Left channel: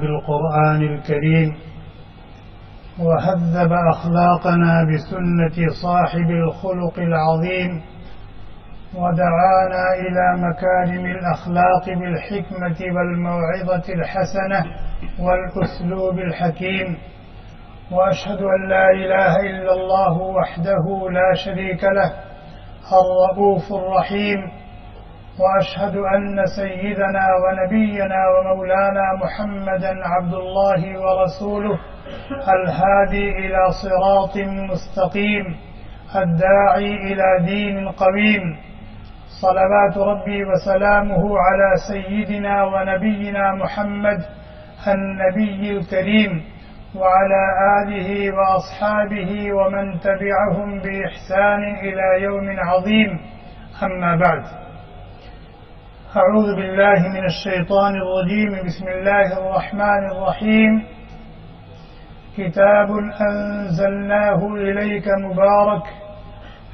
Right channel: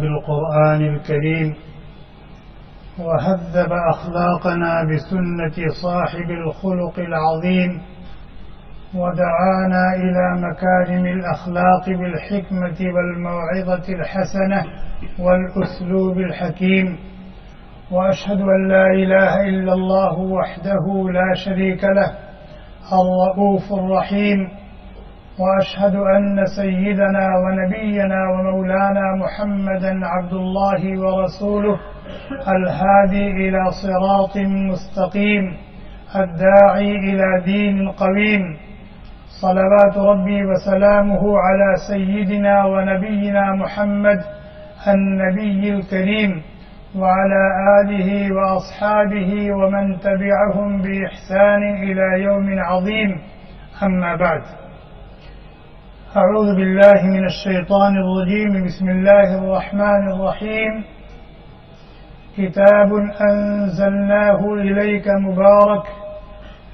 بالقرآن الكريم وهذب أخلاقنا بسنة صاحب الخلق العظيم ودعانا إلى مكارم الأخلاق بالحكمة والموعظة الحسنة والأسلوب الحكيم. وأشهد أن لا إله إلا الله وحده لا شريك له الرؤوف الرحيم. وأشهد أن سيدنا ونبينا ومولانا محمدا عبد الله ورسوله الهادي إلى صراط مستقيم الداعي إلى دين قويم. صلوات ربي وسلامه على سيدنا ونبينا محمد النبي الكريم وعلى آله وأصحابه ومن تبعهم بإحسان إلى يوم عظيم. أما بعد، أعوذ بالله من الشيطان الرجيم. بسم الله الرحمن الرحيم. كتاب أنزلناه إليك مبارك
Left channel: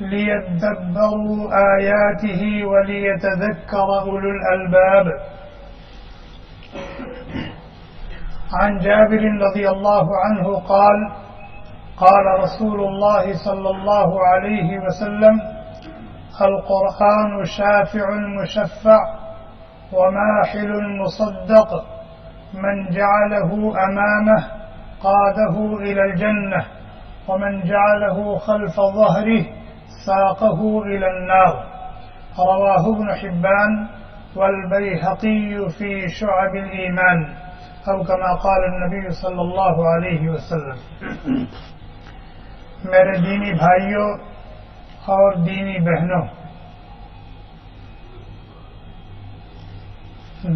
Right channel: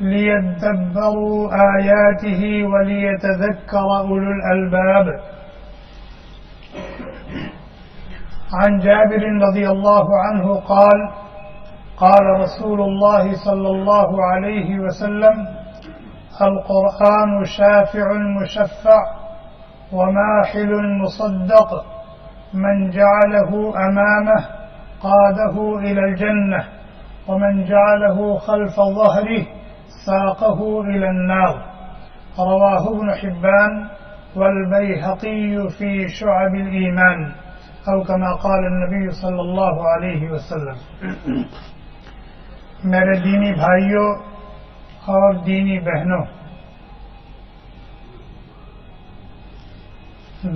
ليدبروا آياته وليتذكر أولو الألباب. عن جابر رضي الله عنه قال: قال رسول الله صلى الله عليه وسلم: القرآن شافع مشفع وماحل مصدق، من جعله أمامه قاده إلى الجنة، ومن جعله خلف ظهره ساقه إلى النار. رواه ابن حبان والبيهقي في شعب الإيمان، أو كما قال النبی صلی اللہ علیہ وسلم. میرے دینی بھائیوں اور دینی بہنوں،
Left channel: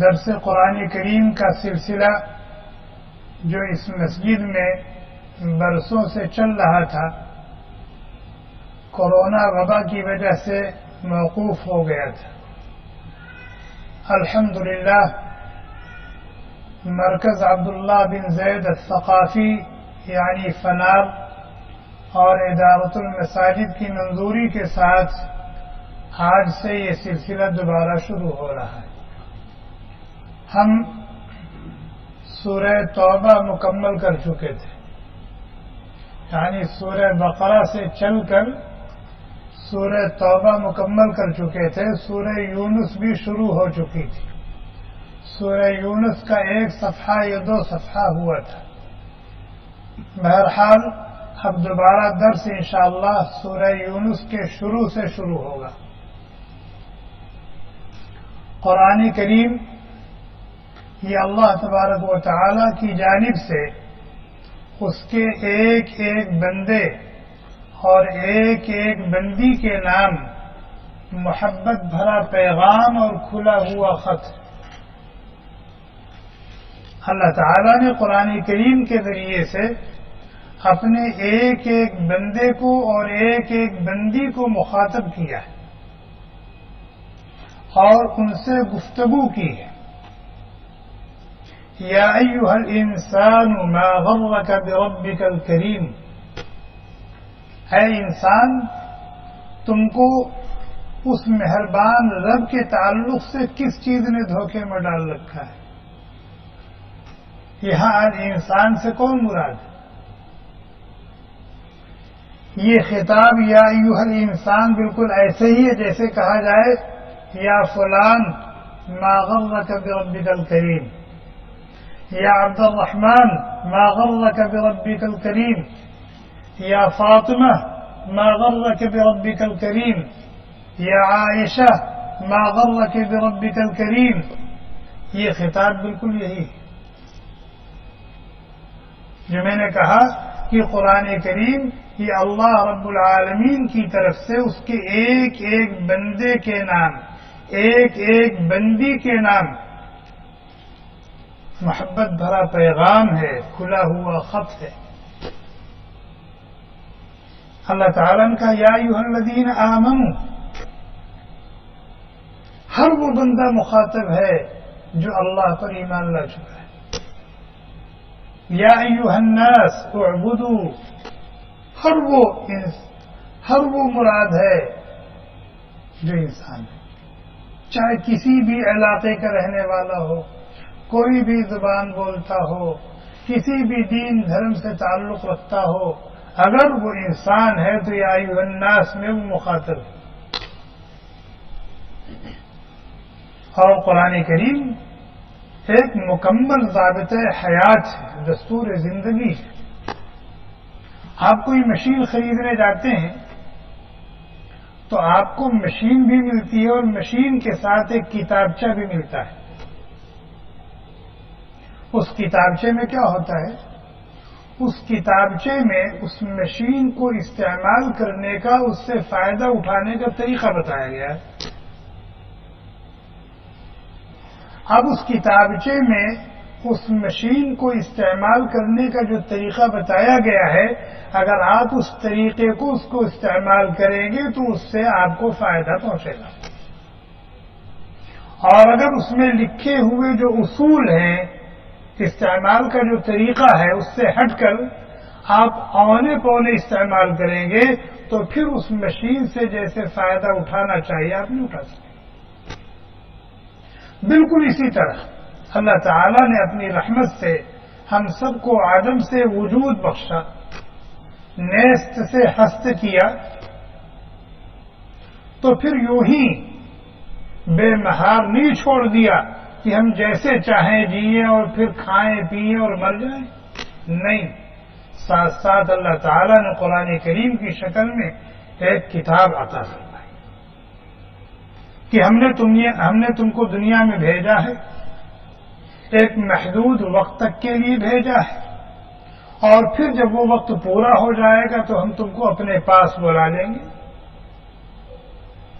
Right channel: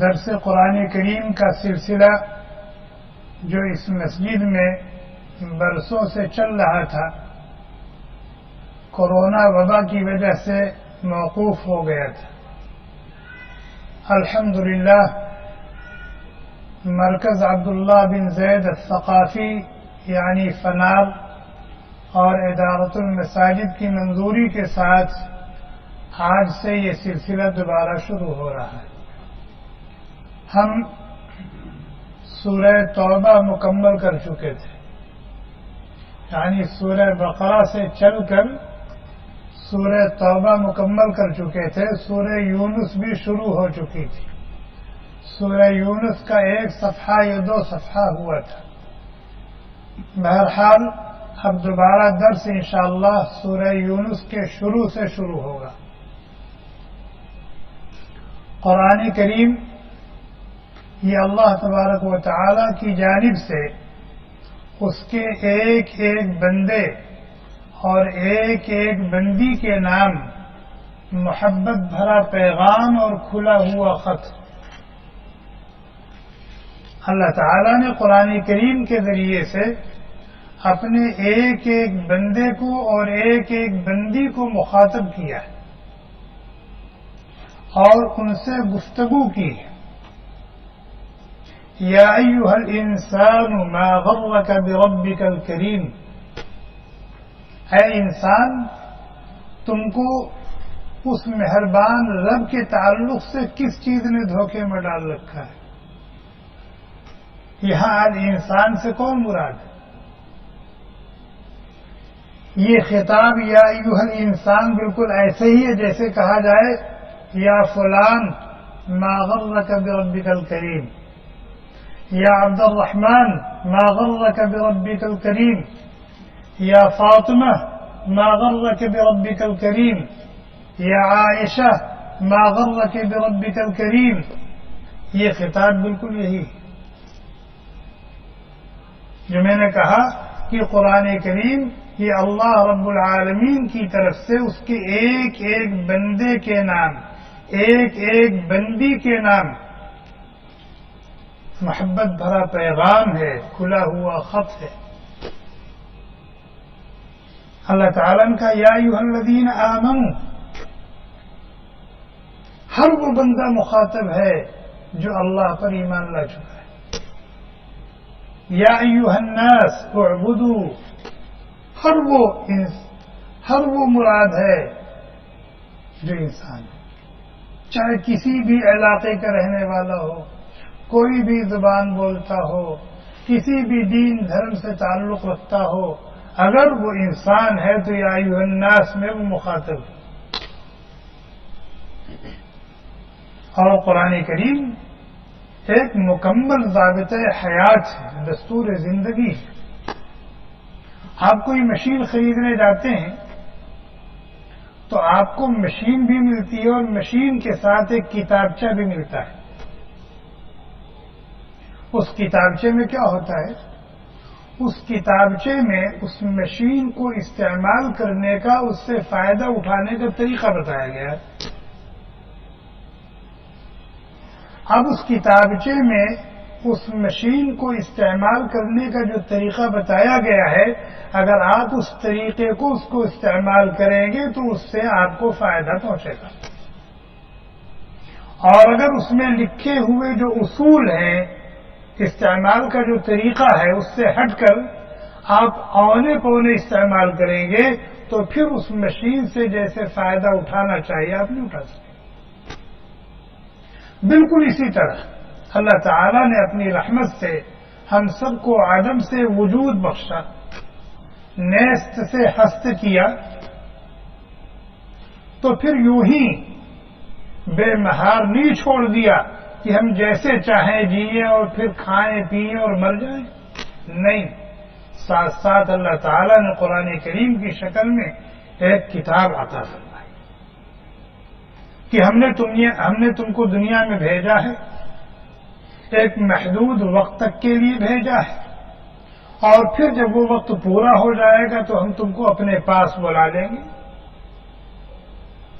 درس قرآن کریم کا سلسلہ جو اس مسجد میں برسوں سے چل رہا تھا، کورونا وبا کی وجہ سے موقوف ہو گیا تھا. الحمدللہ مرکز عبداللہ بن زید الثقافی یعنی فنار اور ادارت المساجد کی منظوری کے ساتھ آج سے یہ سلسلہ دوبارہ شروع ہو رہا ہے. ہم سورہ توبہ مکمل کر چکے تھے، یعنی سورہ بقرہ سے چل کر سورہ توبہ مکمل کر چکے تھے. سورہ یونس بھی شروع ہو چکی تھی. سورہ یونس کا 1 صفحہ یا 2 صفحہ ہوا تھا. بہرحال اب دوبارہ درس انشاءاللہ سورہ یونس کے شروع سے شروع ہوگا. قرآن کریم یہ اللہ تبارک و تعالی کی جانب سے اس کے ایک ایک بندے اور ایک ایک بندی کے نام محبت بھرا پیغام اور کھلا ہوا خط. اللہ تعالیٰ نے قرآن کریم کے ذریعے سے اپنے ایک ایک بندے کو اور ایک ایک بندی کو مخاطب کیا ہے اور ان سے گفتگو کی ہے. یا ایھا الانسان ما غرک بربک الکریم، اے انسان تم کو اس مہربان رب کے تعلق سے کس چیز نے دھوکے میں ڈال رکھا ہے. یہاں الانسان سے کون مراد ہے؟ یہ خطاب یا ایھا الانسان بالکل ایسے ہی ہے جیسے کہا جائے یا فلان ما غرک بربک الکریم، یا عبد الرحمن ما غرک بربک الکریم، یا فاطمہ ما غرک بربک الکریم، یا عائشہ ما غرک بربک الکریم. یہ خطاب بالکل یہی ہے جو میں نے کہا کہ قرآن کریم یہ اللہ رب العالمین کی طرف سے اس کے ایک ایک بندے کے نام، ایک ایک بندی کے نام محبت بھرا پیغام ہے، کھلا ہوا خط ہے. اللہ تعالیٰ نے کہا یا ایھا الذین آمنوا، ہر وہ بندہ مخاطب ہے جو اللہ پر ایمان لا چکا ہے. یا ایھا الناس اعبدوا، ہر وہ مراد ہے جو انسان ہے، چاہے کسی بھی علاقے کا رہنے والا ہو، کوئی بھی زبان بولتا ہو، کسی بھی دین دھرم سے تعلق رکھتا ہو، اگر وہ انسان ہے تو یا ایھا الناس میں وہ مخاطب ہے۔ اور قرآن کریم ایک مکمل ضابطۂ حیات ہے، دستور زندگی ہے۔ آپ کوئی مشین خریدنے جاتے ہیں تو آپ کو مشین بھی ملتی ہے اور مشین کے ساتھ ایک کتابچہ بھی ملتا ہے۔ اس کتابچے میں کیا ہوتا ہے؟ اس کتابچے میں اس مشین کو استعمال کرنے کا، اس سے فائدہ اٹھانے کا طریقہ بتایا گیا ہے۔ اب اس کتابچے میں اس مشین کو استعمال کرنے کا جو طریقہ بتایا گیا ہے، اگر آپ اس طریقے کو اس کو استعمال کریں گے تو اس سے آپ کو فائدہ پہنچے گا، اور اگر اس میں لکھے ہوئے جو اصول ہیں، استعمال کا جو طریقہ ہے، اس سے ہٹ کر آپ اونے پونے استعمال کریں گے تو پھر اس مشین سے جیسے فائدہ اٹھانا چاہیے آپ نہیں اٹھا سکتے۔ بالکل اسی طرح اللہ تعالی نے اپنی رحمت سے ہم سب کو عدم سے وجود بخشا، نیست سے ہست کیا، تو پھر یوں ہی بے مہار نہیں چھوڑ دیا کہ ہم جیسے چاہیں جیئیں اور پھر کھائیں پیئیں اور مر جائیں۔ نہیں، ساتھ ساتھ اللہ تعالیٰ نے قرآن کریم کی شکل میں ایک کتاب عطا فرمائی کہ ہم نے تم کو دنیا میں بھیجا ہے، ایک محدود وقت تک کے لیے بھیجا ہے، اور پھر جب وہ وقت پورا ہو جائے گا تو ہم تم کو اپنے پاس بلا لیں گے۔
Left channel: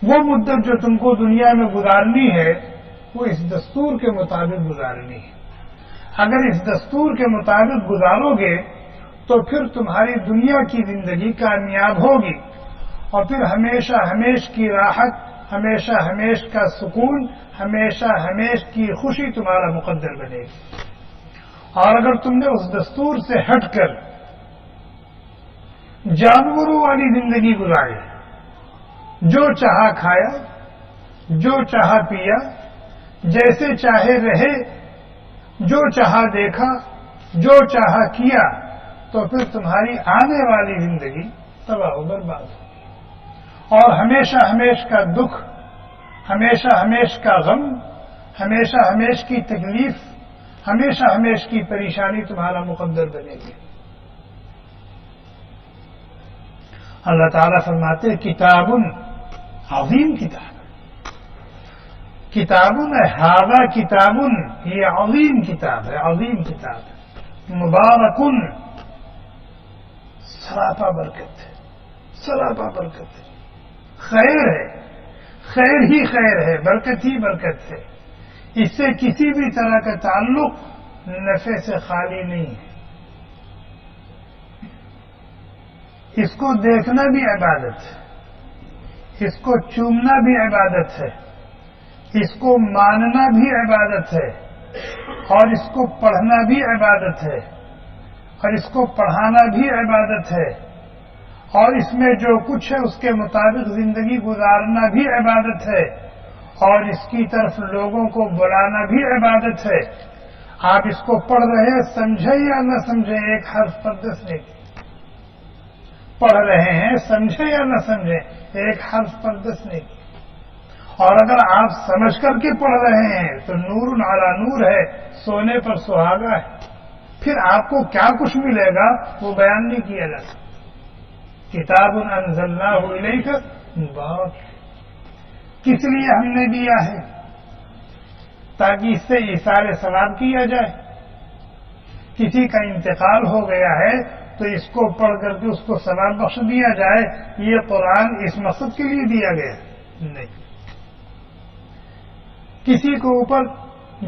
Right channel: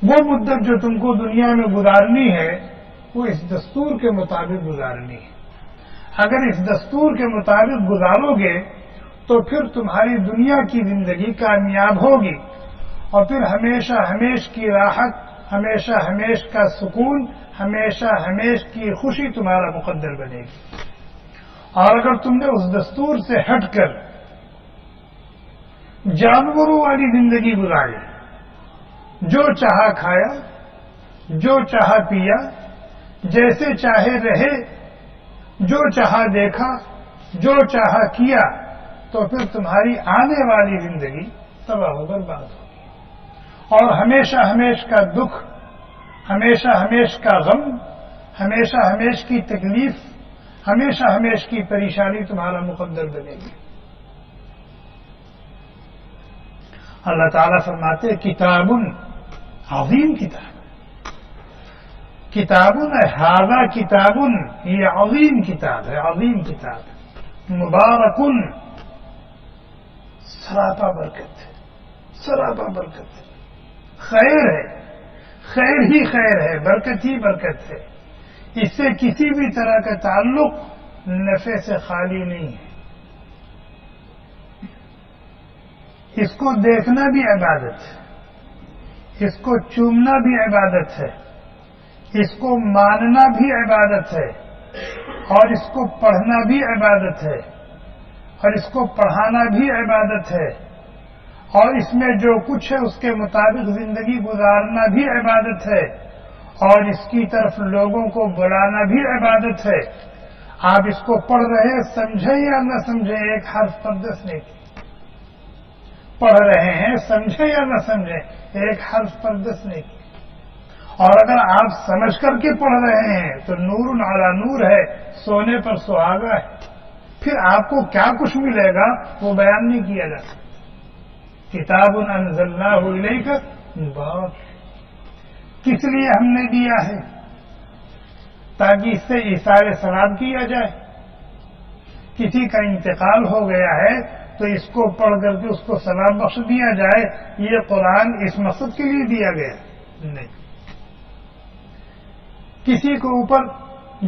وہ مدت جو تم کو دنیا میں گزارنی ہے وہ اس دستور کے مطابق گزارنی ہے۔ اگر اس دستور کے مطابق گزارو گے تو پھر تمہاری دنیا کی زندگی کامیاب ہوگی، اور پھر ہمیشہ ہمیش کی راحت، ہمیشہ ہمیش کا سکون، ہمیشہ ہمیش کی خوشی تمہارا مقدر بنے گی۔ اور اگر تم نے اس دستور سے ہٹ کر جانوروں والی زندگی گزاری، جو چاہا کھایا، جو چاہا پیا، جیسے چاہے رہے، جو چاہا دیکھا، جو چاہا کیا، تو پھر تمہاری آنے والی زندگی تباہ و برباد ہوگی، اور ہمیشہ ہمیش کا دکھ، ہمیشہ ہمیش کا غم، ہمیشہ ہمیش کی تکلیف، ہمیشہ ہمیش کی پریشانی تمہارا مقدر بنے گی۔ اللہ تعالیٰ فرماتے کتاب عظیم کتاب، کتاب ھذا کتاب، یہ عظیم کتاب ہے، عظیم کتاب ہے، مبارکن، سراپا برکت ہے، سراپا برکت ہے، خیر ہے، خیر ہی خیر ہے، برکت ہی برکت ہے، اس سے کسی بھی طرح کا تعلق نفع سے خالی نہیں ہے۔ اس کو دیکھنا بھی عبادت ہے، اس کو چومنا بھی عبادت ہے، اس کو ماننا بھی عبادت ہے، اور اس کو پڑھنا بھی عبادت ہے، اور اس کو پڑھانا بھی عبادت ہے، اور اس میں جو کچھ ہے اس کے مطابق زندگی گزارنا بھی عبادت ہے، اور اس کی طرف لوگوں کو بلانا بھی عبادت ہے۔ آپ اس کو پڑھ رہے سمجھیں یا نہ سمجھیں، ایک حرف پر 10 نیکی، پڑھ رہے ہیں سمجھیں یا نہ سمجھیں، ایک حرف پر 10 نیکی، اور اگر آپ سمجھ کر کے پڑھ رہے ہیں تو نور علی نور ہے، سونے پر سہاگا ہے۔ پھر آپ کو کیا کچھ ملے گا وہ بیان نہیں کیا جا سکتا۔ کتاب انزلناہ الیک مبارک، کس لیے ہم نے دیا ہے؟ تاکہ اس سے ایثار ثواب کیا جائے۔ کسی کا انتقال ہو گیا ہے تو اس کو پڑھ کر کے اس کو ثواب بخش دیا جائے، یہ قرآن اس مقصد کے لیے دیا گیا نہیں۔ کسی کو اوپر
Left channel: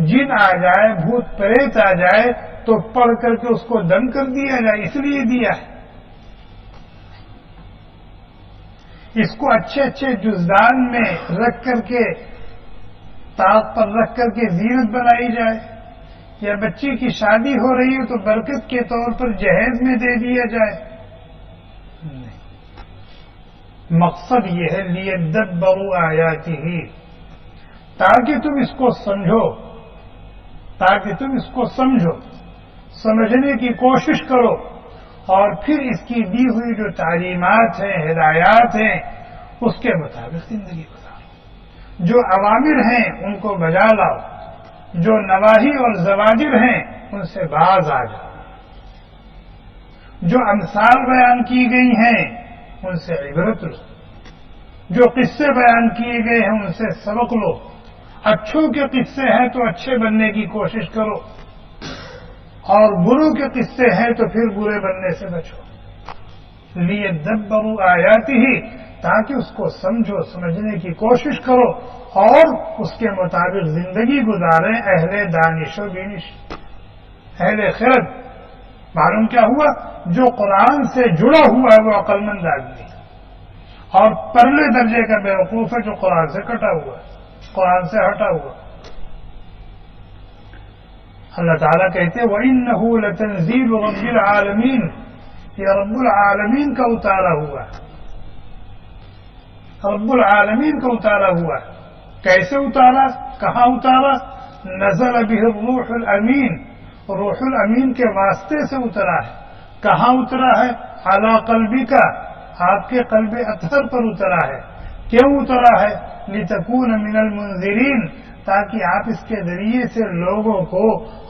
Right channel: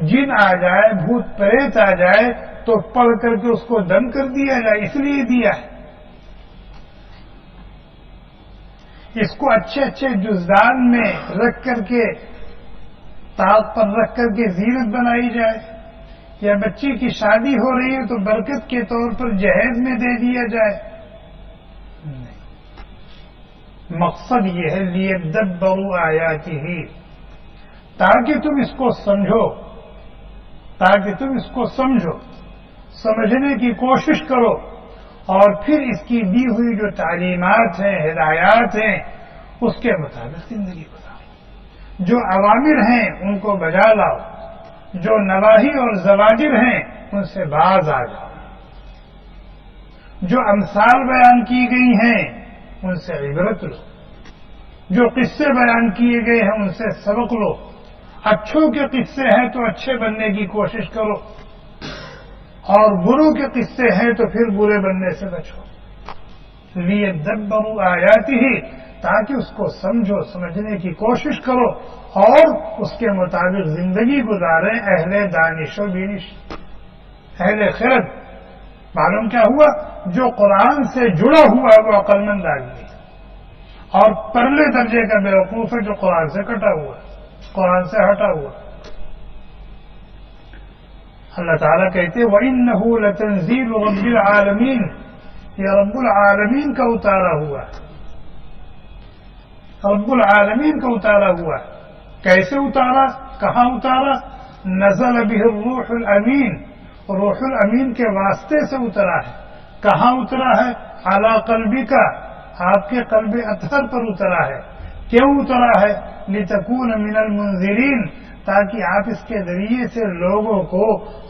جن آ جائے، بھوت پریت آ جائے تو پڑھ کر کے اس کو دم کر دیا جائے، اس لیے دیا ہے۔ اس کو اچھے اچھے جزدان میں رکھ کر کے، طاق پر رکھ کر کے زینت بنائی جائے، یا بچی کی شادی ہو رہی ہے تو برکت کے طور پر جہیز میں دے دیا جائے، نہیں۔ مقصد یہ ہے لیدبروا آیاتہ، تاکہ تم اس کو سمجھو، تاکہ تم اس کو سمجھو، سمجھنے کی کوشش کرو، اور پھر اس کی دی ہوئی جو تعلیمات ہیں، ہدایات ہیں، اس کے مطابق زندگی گزارو۔ جو اوامر ہیں ان کو بجا لاؤ، جو نواہی اور زواجر ہیں ان سے باز آ جاؤ، جو امثال بیان کی گئی ہیں ان سے عبرت لو، جو قصے بیان کیے گئے ہیں ان سے سبق لو۔ اچھوں کے قصے ہیں تو اچھے بننے کی کوشش کرو، اور بروں کے قصے ہیں تو پھر برے بننے سے بچو۔ لیدبروا آیاتہ، تاکہ اس کو سمجھو، سمجھنے کی کوشش کرو اور اس کے مطابق زندگی گزاریں اہل دانش و بینش، اہل خرد۔ معلوم کیا ہوا؟ جو قرآن سے جڑا ہوا ہے وہ عقل مند آدمی ہے، اور پرلے درجے کا بیوقوف ہے جو قرآن سے کٹا ہوا ہے، قرآن سے ہٹا ہوا۔ اللہ تعالیٰ کہتے ہیں وَإِنَّهُ لَتَنزِيلُ رَبِّ الْعَالَمِينَ، یہ رب العالمین کا اتارا ہوا ہے، رب العالمین کا اتارا ہوا ہے۔ کیسے اتارا؟ کہاں اتارا؟ نزل به الروح الامین، روح الامین کے واسطے سے اترا ہے۔ کہاں اترا ہے؟ علی قلبک، آپ کے قلب اطہر پر اترا ہے۔ کیوں اترا ہے؟ لتکون من المنذرین، تاکہ آپ اس کے ذریعے سے لوگوں کو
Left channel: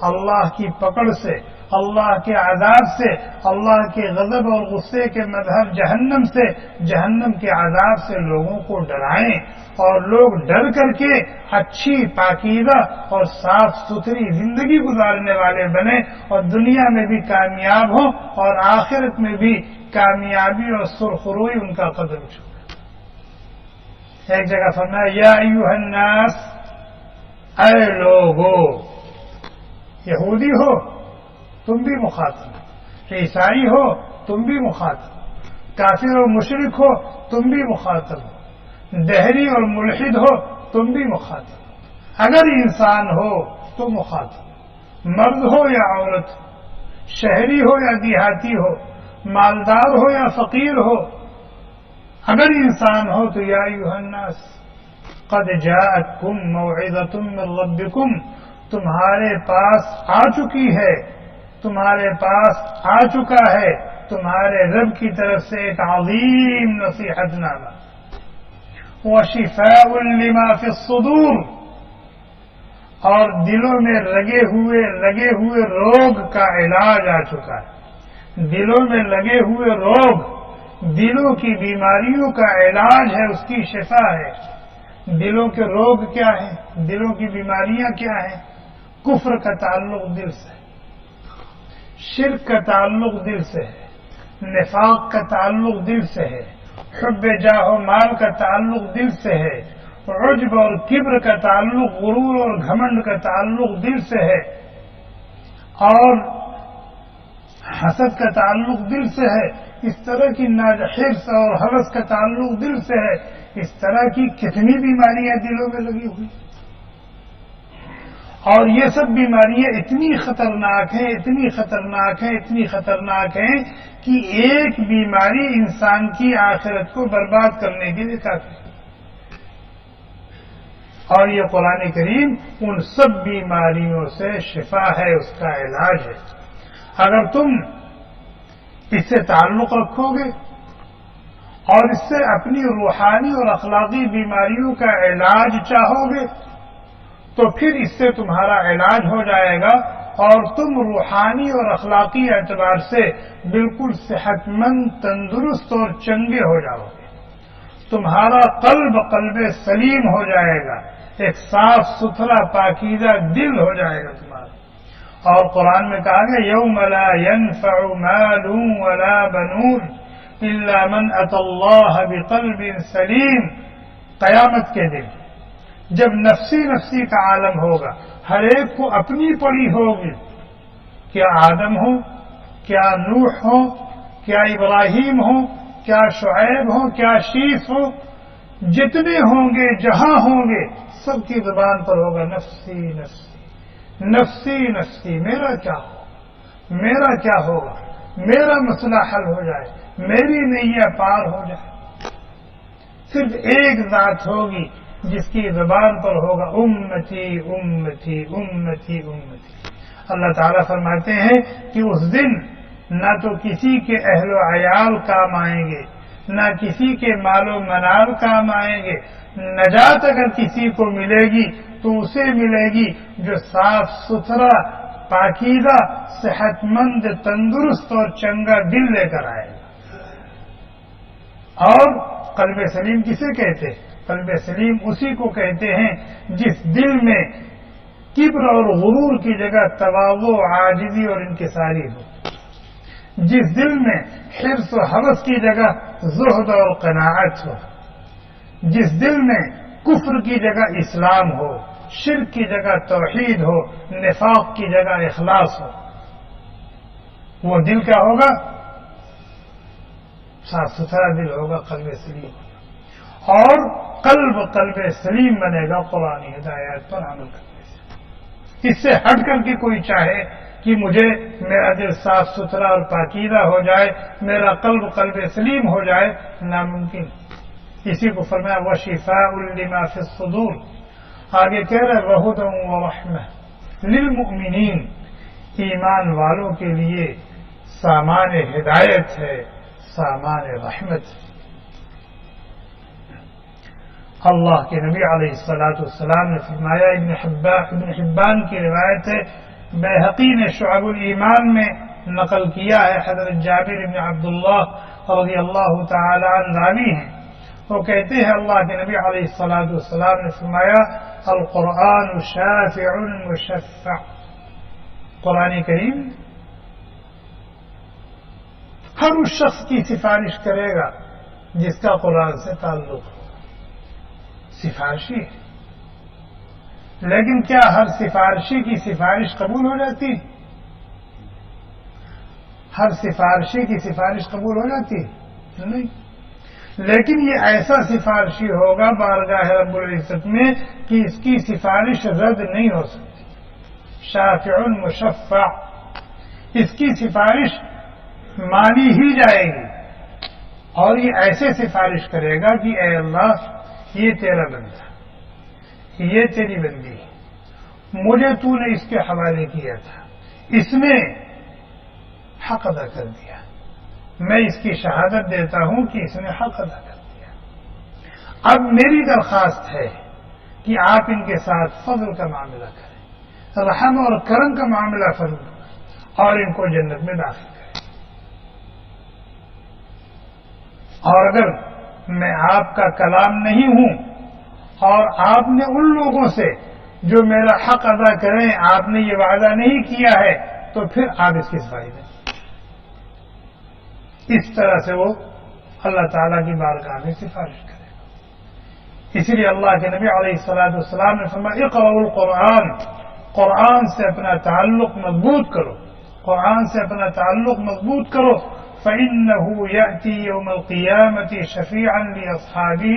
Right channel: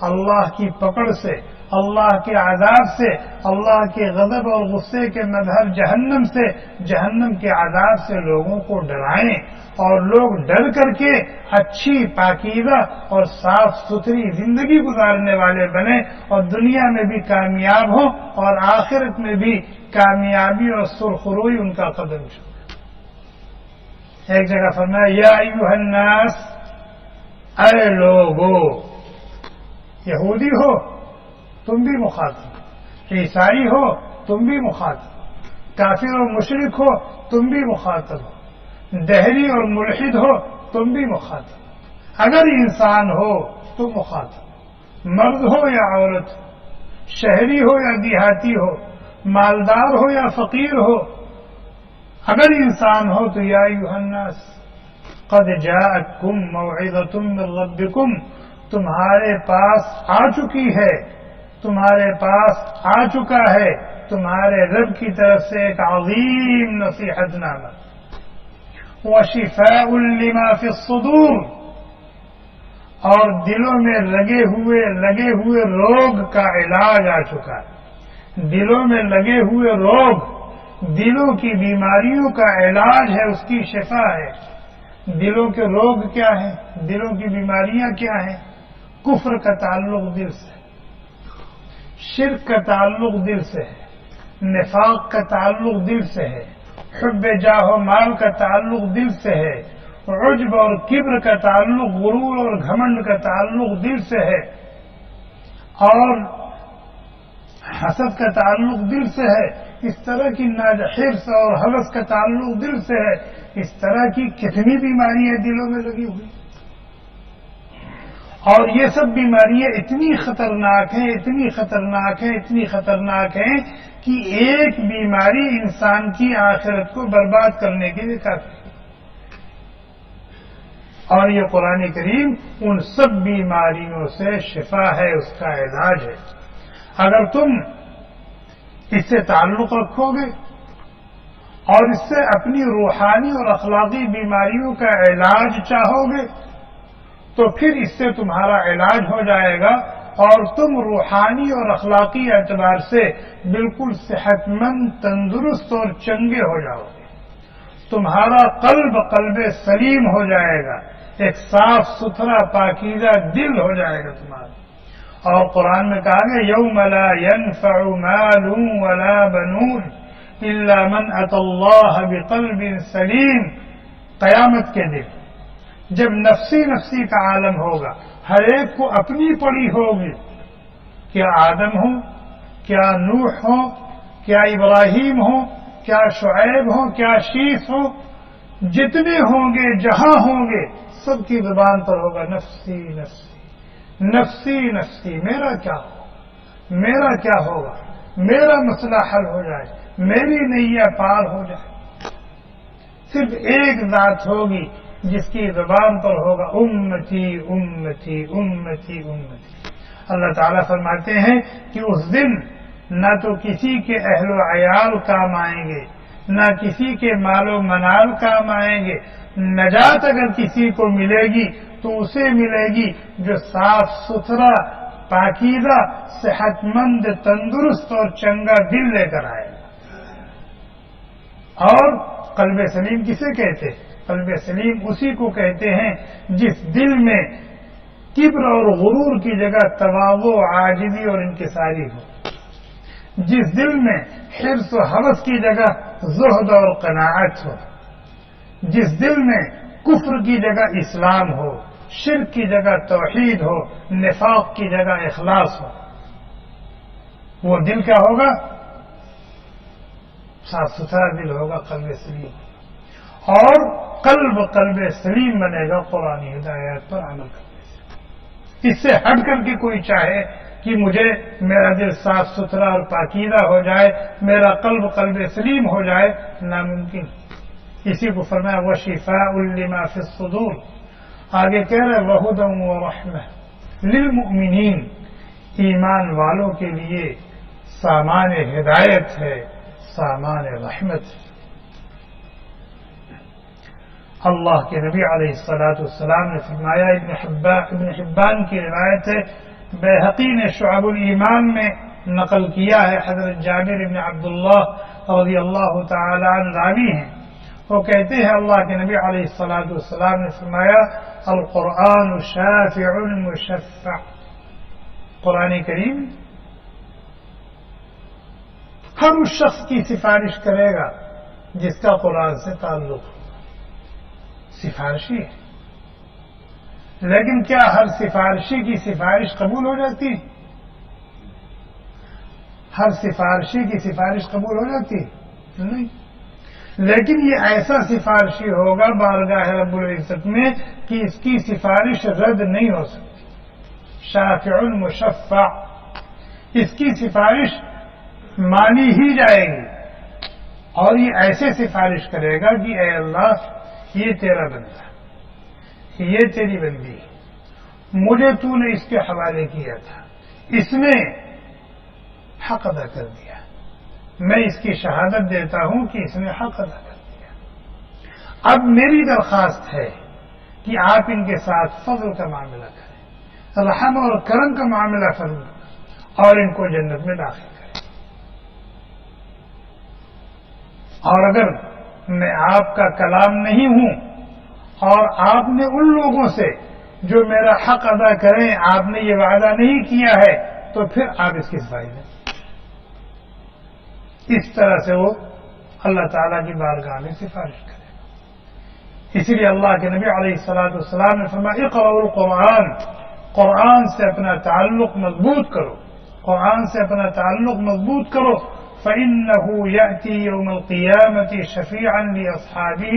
اللہ کی پکڑ سے، اللہ کے عذاب سے، اللہ کے غضب اور غصے کے مظہر جہنم سے، جہنم کے عذاب سے لوگوں کو ڈرائیں، اور لوگ ڈر کر کے اچھی، پاکیزہ اور صاف ستھری زندگی گزارنے والے بنے، اور دنیا میں بھی کامیاب ہوں اور آخرت میں بھی کامیابی اور سرخروئی ان کا قدم چھو۔ ایک جگہ فرمایا یا ایھا الناس، اے لوگو، یہودی ہو تم بھی مخاطب، عیسائی ہو تم بھی مخاطب، کافر و مشرک ہو تم بھی مخاطب ہو، دہری اور ملحد ہو تم بھی مخاطب، اگر انسان ہو تو مخاطب، مرد ہو یا عورت ہو، شہری ہو یا دیہاتی ہو، مالدار ہو یا فقیر ہو، اگر انسان ہو تو یا ایھا الناس قد جاءتکم موعظۃ من ربکم، تمہارے پاس آ چکی ہے، تمہارے پاس آ چکا ہے تمہارے رب کی طرف سے ایک عظیم نصیحت نامہ، وشفاء لما فی الصدور، اور دلوں میں لگے ہوئے روگ کا علاج آ چکا ہے۔ دلوں میں لگے ہوئے روگ، دلوں کی بیماریوں کا علاج ہے، اس کی شفا ہے۔ دلوں کے روگ کیا ہیں؟ دلوں کی بیماریاں کیا ہیں؟ کفر کا تعلق دل سے، شرک کا تعلق دل سے ہے، نفاق کا تعلق دل سے ہے، حب جاہ و مال کا تعلق دل سے ہے، عجب اور کبر کا تعلق، غرور اور گھمنڈ کا تعلق دل سے ہے، اور حسد کا تعلق دل سے ہے۔ اس طرح کی حرص اور ہوس کا تعلق دل سے ہے۔ اس طرح کی کتنی بیماریاں دلوں میں لگی ہوئی، اور یہ سب بیماریاں اتنی خطرناک ہیں، اتنی خطرناک ہیں، اتنی خطرناک ہیں کہ ایک بیماری انسان کی آخرت کو برباد کرنے کے لیے کافی ہے۔ اور یہ قرآن کریم ان سب بیماریوں سے شفا ہے، اس کا علاج ہے۔ اگر تم اس سے تعلق رکھو گے اور اس سے اپنی روحانی اور اخلاقی بیماریوں کا علاج چاہو گے تو پھر اس سے تمہارا علاج ہو جائے گا، اور تم روحانی اور اخلاقی اعتبار سے بالکل صحت مند، تندرست اور چنگے ہو جاؤ گے۔ تمہارا قلب سلیم ہو جائے گا، ایک صاف ستھرا پاکیزہ دل ہو جائے گا تمہارا۔ اور قرآن میں کہا گیا یوم لا ينفع مال ولا بنون الا من اتى اللہ بقلب سلیم، قیامت کے دن جب نفسی کا عالم ہوگا، ہر ایک کو اپنی پڑی ہوگی، کیا آدم ہو، کیا نوح ہو، کیا ابراہیم ہو، کیا شعیب ہو، کیا شیث ہو، جتنے ہوں گے، جہاں ہوں گے، سب کی زبان پر ہوگا نفسی نفسی نفسی نفسی، میرا کیا ہو، میرا کیا ہوگا، میرا مسئلہ حل ہو جائے، میری نیا پار ہو جائے۔ صرف ایک ذات ہوگی جس کی زبان پر ہوگا امتی امتی امتی امتی. اللہ تعالیٰ فرماتے ہیں کہ اس دن نہ تو کسی کے اہل و عیال کام آئیں گے، نہ کسی کے مال و منال کام آئیں گے. نجات اگر کسی کو ملے گی تو اسے ملے گی جو صاف ستھرا، پاکیزہ، صحت مند، تندرست اور چنگا دل لے کر آئے گا. اور قلب سلیم کسے کہتے؟ قلب سلیم اسی کو کہتے ہیں جس دل میں کبر اور غرور کی جگہ تواضع، عاجزی اور انکساری ہو، جس دل میں حرص و ہوس کی جگہ زہد اور قناعت ہو، جس دل میں کفر کی جگہ اسلام ہو، شرک کی جگہ توحید ہو، نفاق کی جگہ اخلاص ہو. وہ دل کیا ہوگا؟ صاف ستھرا دل ہوگا، قلب سلیم. اور قلب سلیم بنے گا قرآن ہدایات پر عمل کرنے سے. اس سے ہٹ کر کے کوئی چاہے کہ مجھے میرا دل صاف ستھرا اور پاکیزہ ہو جائے، میرا قلب سلیم ہو جائے، ناممکن. اسی کو فرمایا وشفاء لما فی الصدور. آگے کہہ رہے وہدی ورحمہ للمؤمنین، ایمان والوں کے لیے سامان ہدایت ہے، سامان رحمت. اللہ کے نبی علیہ الصلاۃ والسلام نے فرمایا، ابن حبان کی روایت ہے، بیہقی نے شعب الایمان میں نقل کیا ہے، حضرت جابر ابن عبداللہ رضی اللہ تعالی عنہ راوی ہیں. وہ کہتے ہیں اللہ کے نبی علیہ الصلاۃ والسلام نے فرمایا القرآن شافع مشفع. قرآن کریم ہر اس شخص کی سفارش کرے گا جس کا قرآن سے تعلق ہو. سفارشی ہے، لیکن کیا ہر سفارشی کی سفارش قبول ہو جاتی؟ ہر سفارشی کی سفارش قبول ہو جاتی نہیں. لیکن یہ ایسا سفارشی ہوگا بارگاہ رب العزت میں کہ اس کی سفارش رد نہیں ہو سکتی. شافع مشفع، اس کی سفارش مانی ہی جائے گی. اور یہ ایسے سفارش کرے گا کہ اے اللہ، یہ تیرا بندہ، یہ تیری بندی، مجھے تو نے اس کے حوالے کیا تھا، اس نے حق ادا کر دیا، میں اس کی شہادت دیتا ہوں کہ اس نے حق ادا کر دیا. اب میری درخواست ہے کہ آپ ان کے ساتھ فضل کا معاملہ کریں، رحم اور کرم کا معاملہ فرمائیں اور ان کو جنت میں داخل کریں. اور اگر میں آپ کا کلام نہیں ہوں اور آپ نے ان لوگوں سے جو میرا حق ادا کریں آپ نے یہ وعدہ نہیں کیا ہے تو پھر آپ اس کی صفائی دیں. اس طرح سے وہ اللہ تعالیٰ کی بارگاہ میں سفارش کرے گا. اسی لیے اللہ کے نبی علیہ الصلاۃ والسلام نے فرمایا اقرأوا القرآن، قرآن سے اپنا تعلق مضبوط کرو، قرآن سے اپنا تعلق مضبوط کرو. فَإِنَّهُ يَأْتِي يَوْمَ الْقِيَامَةِ شَفِيعًا لِأَصْحَابِهِ،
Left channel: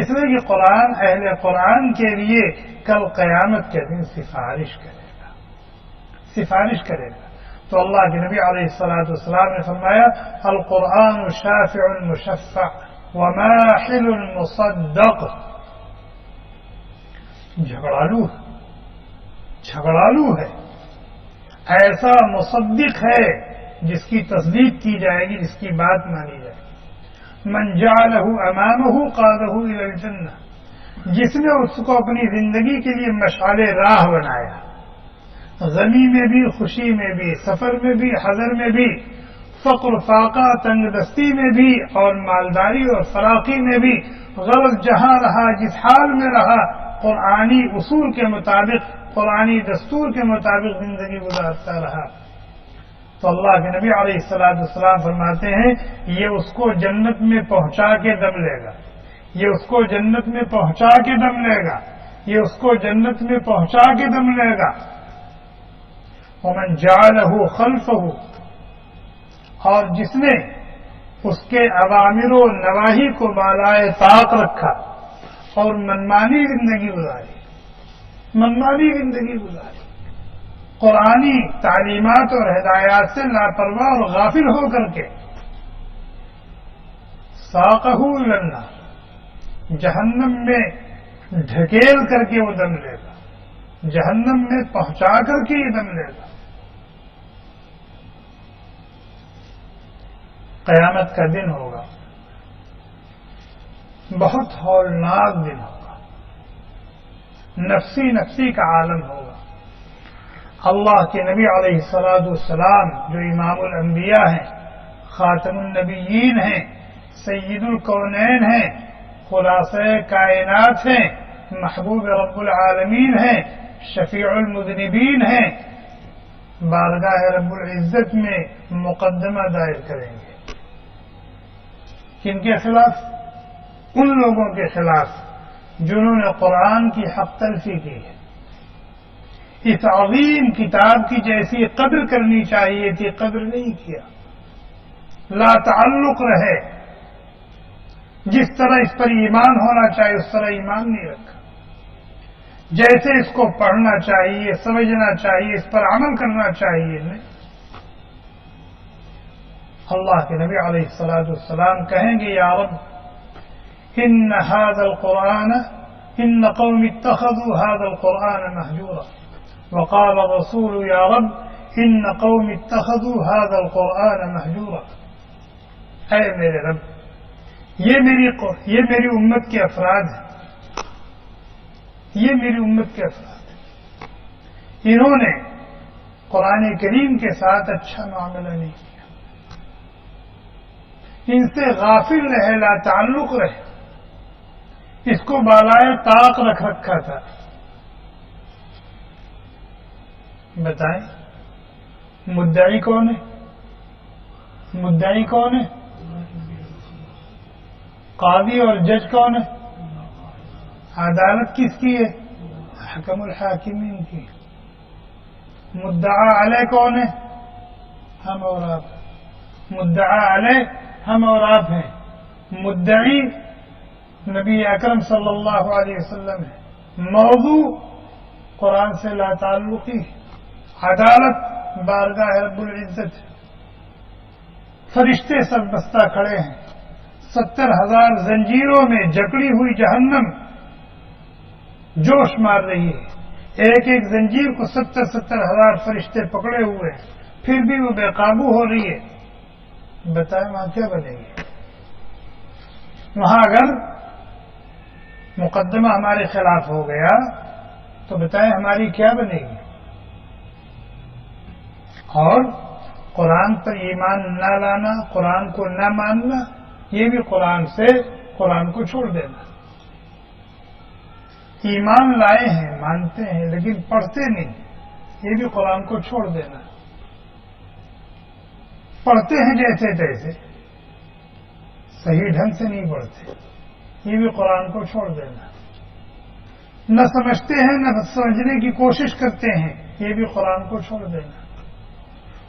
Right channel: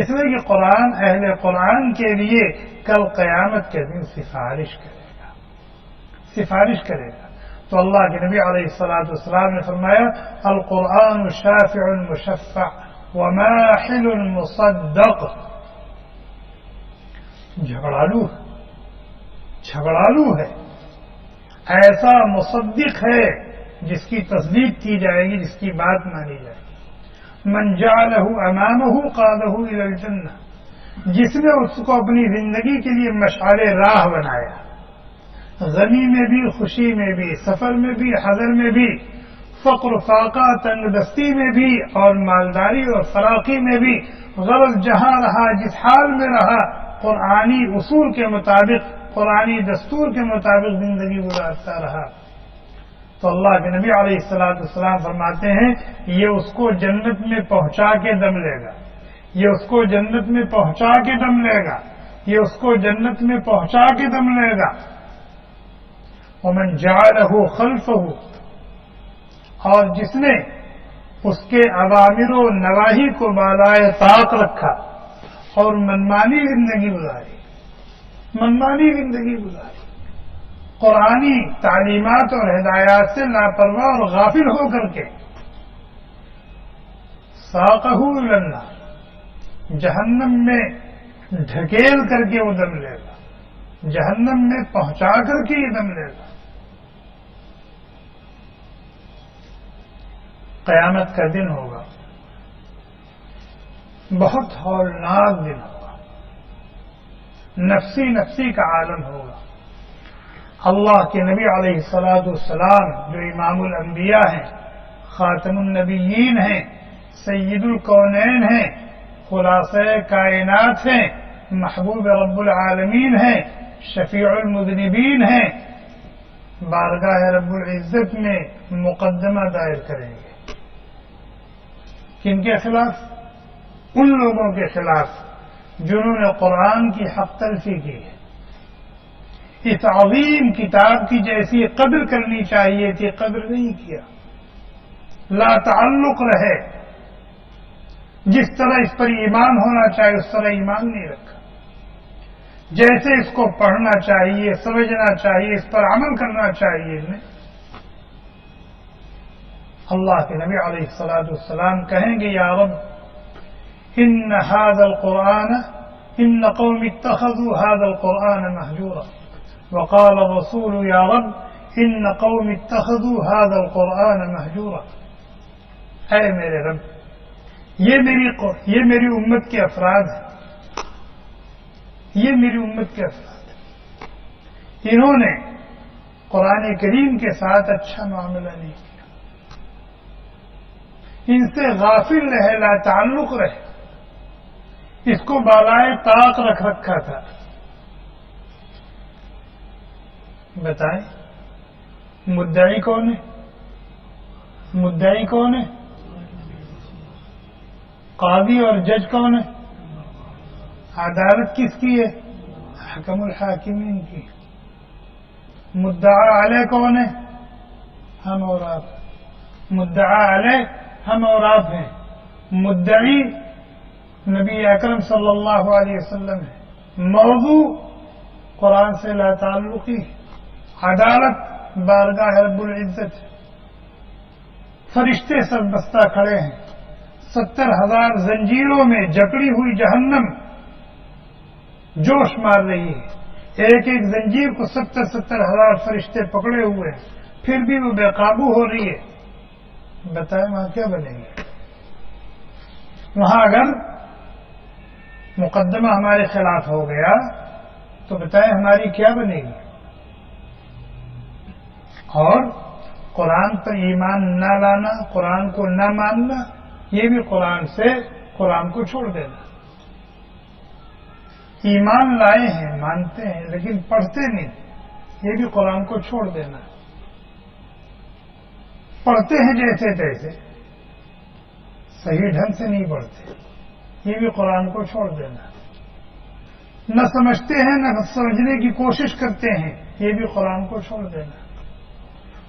اس لیے کہ قرآن اہل قرآن کے لیے کل قیامت کے دن سفارش کرے گا، سفارش کرے گا. تو اللہ کے نبی علیہ الصلاۃ والسلام نے فرمایا القرآن شافع مشفع وماحل مصدق. جھگڑالو ہے، ایسا مصدق ہے جس کی تصدیق کی جائے گی، جس کی بات مانی جائے گی. من جعلہ امامہ قادہ الی الجنہ، جس نے اس کو اپنی زندگی کے لیے مشعل راہ بنایا، غمی میں بھی، خوشی میں بھی، سفر میں بھی، حضر میں بھی، فقر فاقہ تنگ دستی میں بھی اور مالداری اور فراقی میں بھی، غرض جہاں رہا، جس حال میں رہا، قرآنی اصول کے مطابق، قرآنی دستور کے مطابق زندگی گزارتا رہا، تو اللہ کے نبی علیہ الصلاۃ والسلام فرماتے ہیں یہ اس کو جنت میں پہنچا کے دم لے گا، یہ اس کو جنت میں پہنچا کے دم لے گا، یہ اس کو جنت میں پہنچا کے دم لے گا. ومن جعلہ خلفہ، اور جس نے اس کے اوامر و نواہی کو بالائے طاق رکھا اور منمانی زندگی گزاری، منمانی زندگی گزاری، قرآنی تعلیمات اور ہدایات سے لاپرواہ اور غافل ہو کر کے، ساقہ الی النار، جہنم میں ڈھکیل کر کے وہ دم لے گا، جہنم میں پہنچا کر کے یہ دم لے گا۔ قیامت کا دن ہوگا، بہت ہولناک دن ہوگا، نفسی نفسی کا عالم ہوگا۔ اللہ کے نبی علیہ الصلوۃ والسلام جو امام الانبیاء ہیں، خاتم النبیین ہیں، سید الکونین ہیں، خلاصہ کائنات ہیں، محبوب رب العالمین ہیں، شفیع المذنبین ہیں، بارگاہ رب العزت میں مقدمہ دائر کریں گے۔ کن کے خلاف؟ ان لوگوں کے خلاف جنہوں نے قرآن کی حق تلفی کی ہے۔ اس عظیم کتاب کی جیسی قدر کرنی چاہیے تھی قدر نہیں کیا، لا تعلق رہے، جس طرح اس پر ایمان ہونا چاہیے اس طرح ایمان نہیں رکھا، جیسے اس کو پڑھنا چاہیے سمجھنا چاہیے اس پر عمل کرنا چاہیے نہیں۔ اللہ کے نبی علیہ الصلوۃ والسلام کہیں گے یا رب ان هذا القرآن ان قوم اتخذوا هذا القرآن مهجورا وقال الرسول یا رب ان قوم اتخذوا هذا القرآن مهجورا۔ اے میرے رب یہ میری امت کے افراد ہیں، یہ میری امت کے افراد ہیں، انہوں نے قرآن کریم کے ساتھ اچھا معاملہ نہیں کیا، ان سے غافل رہے، لا تعلق رہے، اس کو بالائے طاق رکھ رکھا تھا۔ بتائیں مدعی کون ہے؟ مدعی کون ہے؟ قاضی اور جج کون ہے؟ عدالت کس کی ہے؟ حکم الحاکمین کی۔ مدعا علیہ کون ہے؟ ہم اور آپ۔ مدعا علیہ ہم اور آپ ہیں، مدعی نبی اکرم صلی اللہ علیہ وسلم ہے، موضوع قرآن سے لا تعلقی، عدالت بارگاہ رب العزت ہے، فرشتے سب بستہ کھڑے ہیں، 70,000 زنجیروں میں جکڑی ہوئی جہنم جوش مار رہی ہے، ایک ایک زنجیر کو 70,000 فرشتے پکڑے ہوئے ہیں، پھر بھی وہ بے قابو ہو رہی ہے۔ بتائیں وہاں کیا بنے گی؟ وہاں اگر مقدمہ ہمارے خلاف ہو گیا تو بتائیں ہماری کیا بنے گی؟ اور قرآن پر ایمان نہ لانا، قرآن کو نہ ماننا، یہ بھی قرآن سے قرآن کو چھوڑ دینا۔ ایمان لائے ہیں، مانتے ہیں لیکن پڑھتے نہیں، یہ بھی قرآن کو چھوڑ دینا۔ پڑھتے ہیں جیسے تیسے، صحیح ڈھنگ سے نہیں پڑھتے، یہ بھی قرآن کو چھوڑ دینا۔ نہ سمجھتے ہیں نہ سمجھنے کی کوشش کرتے ہیں، یہ بھی قرآن کو چھوڑ دینا۔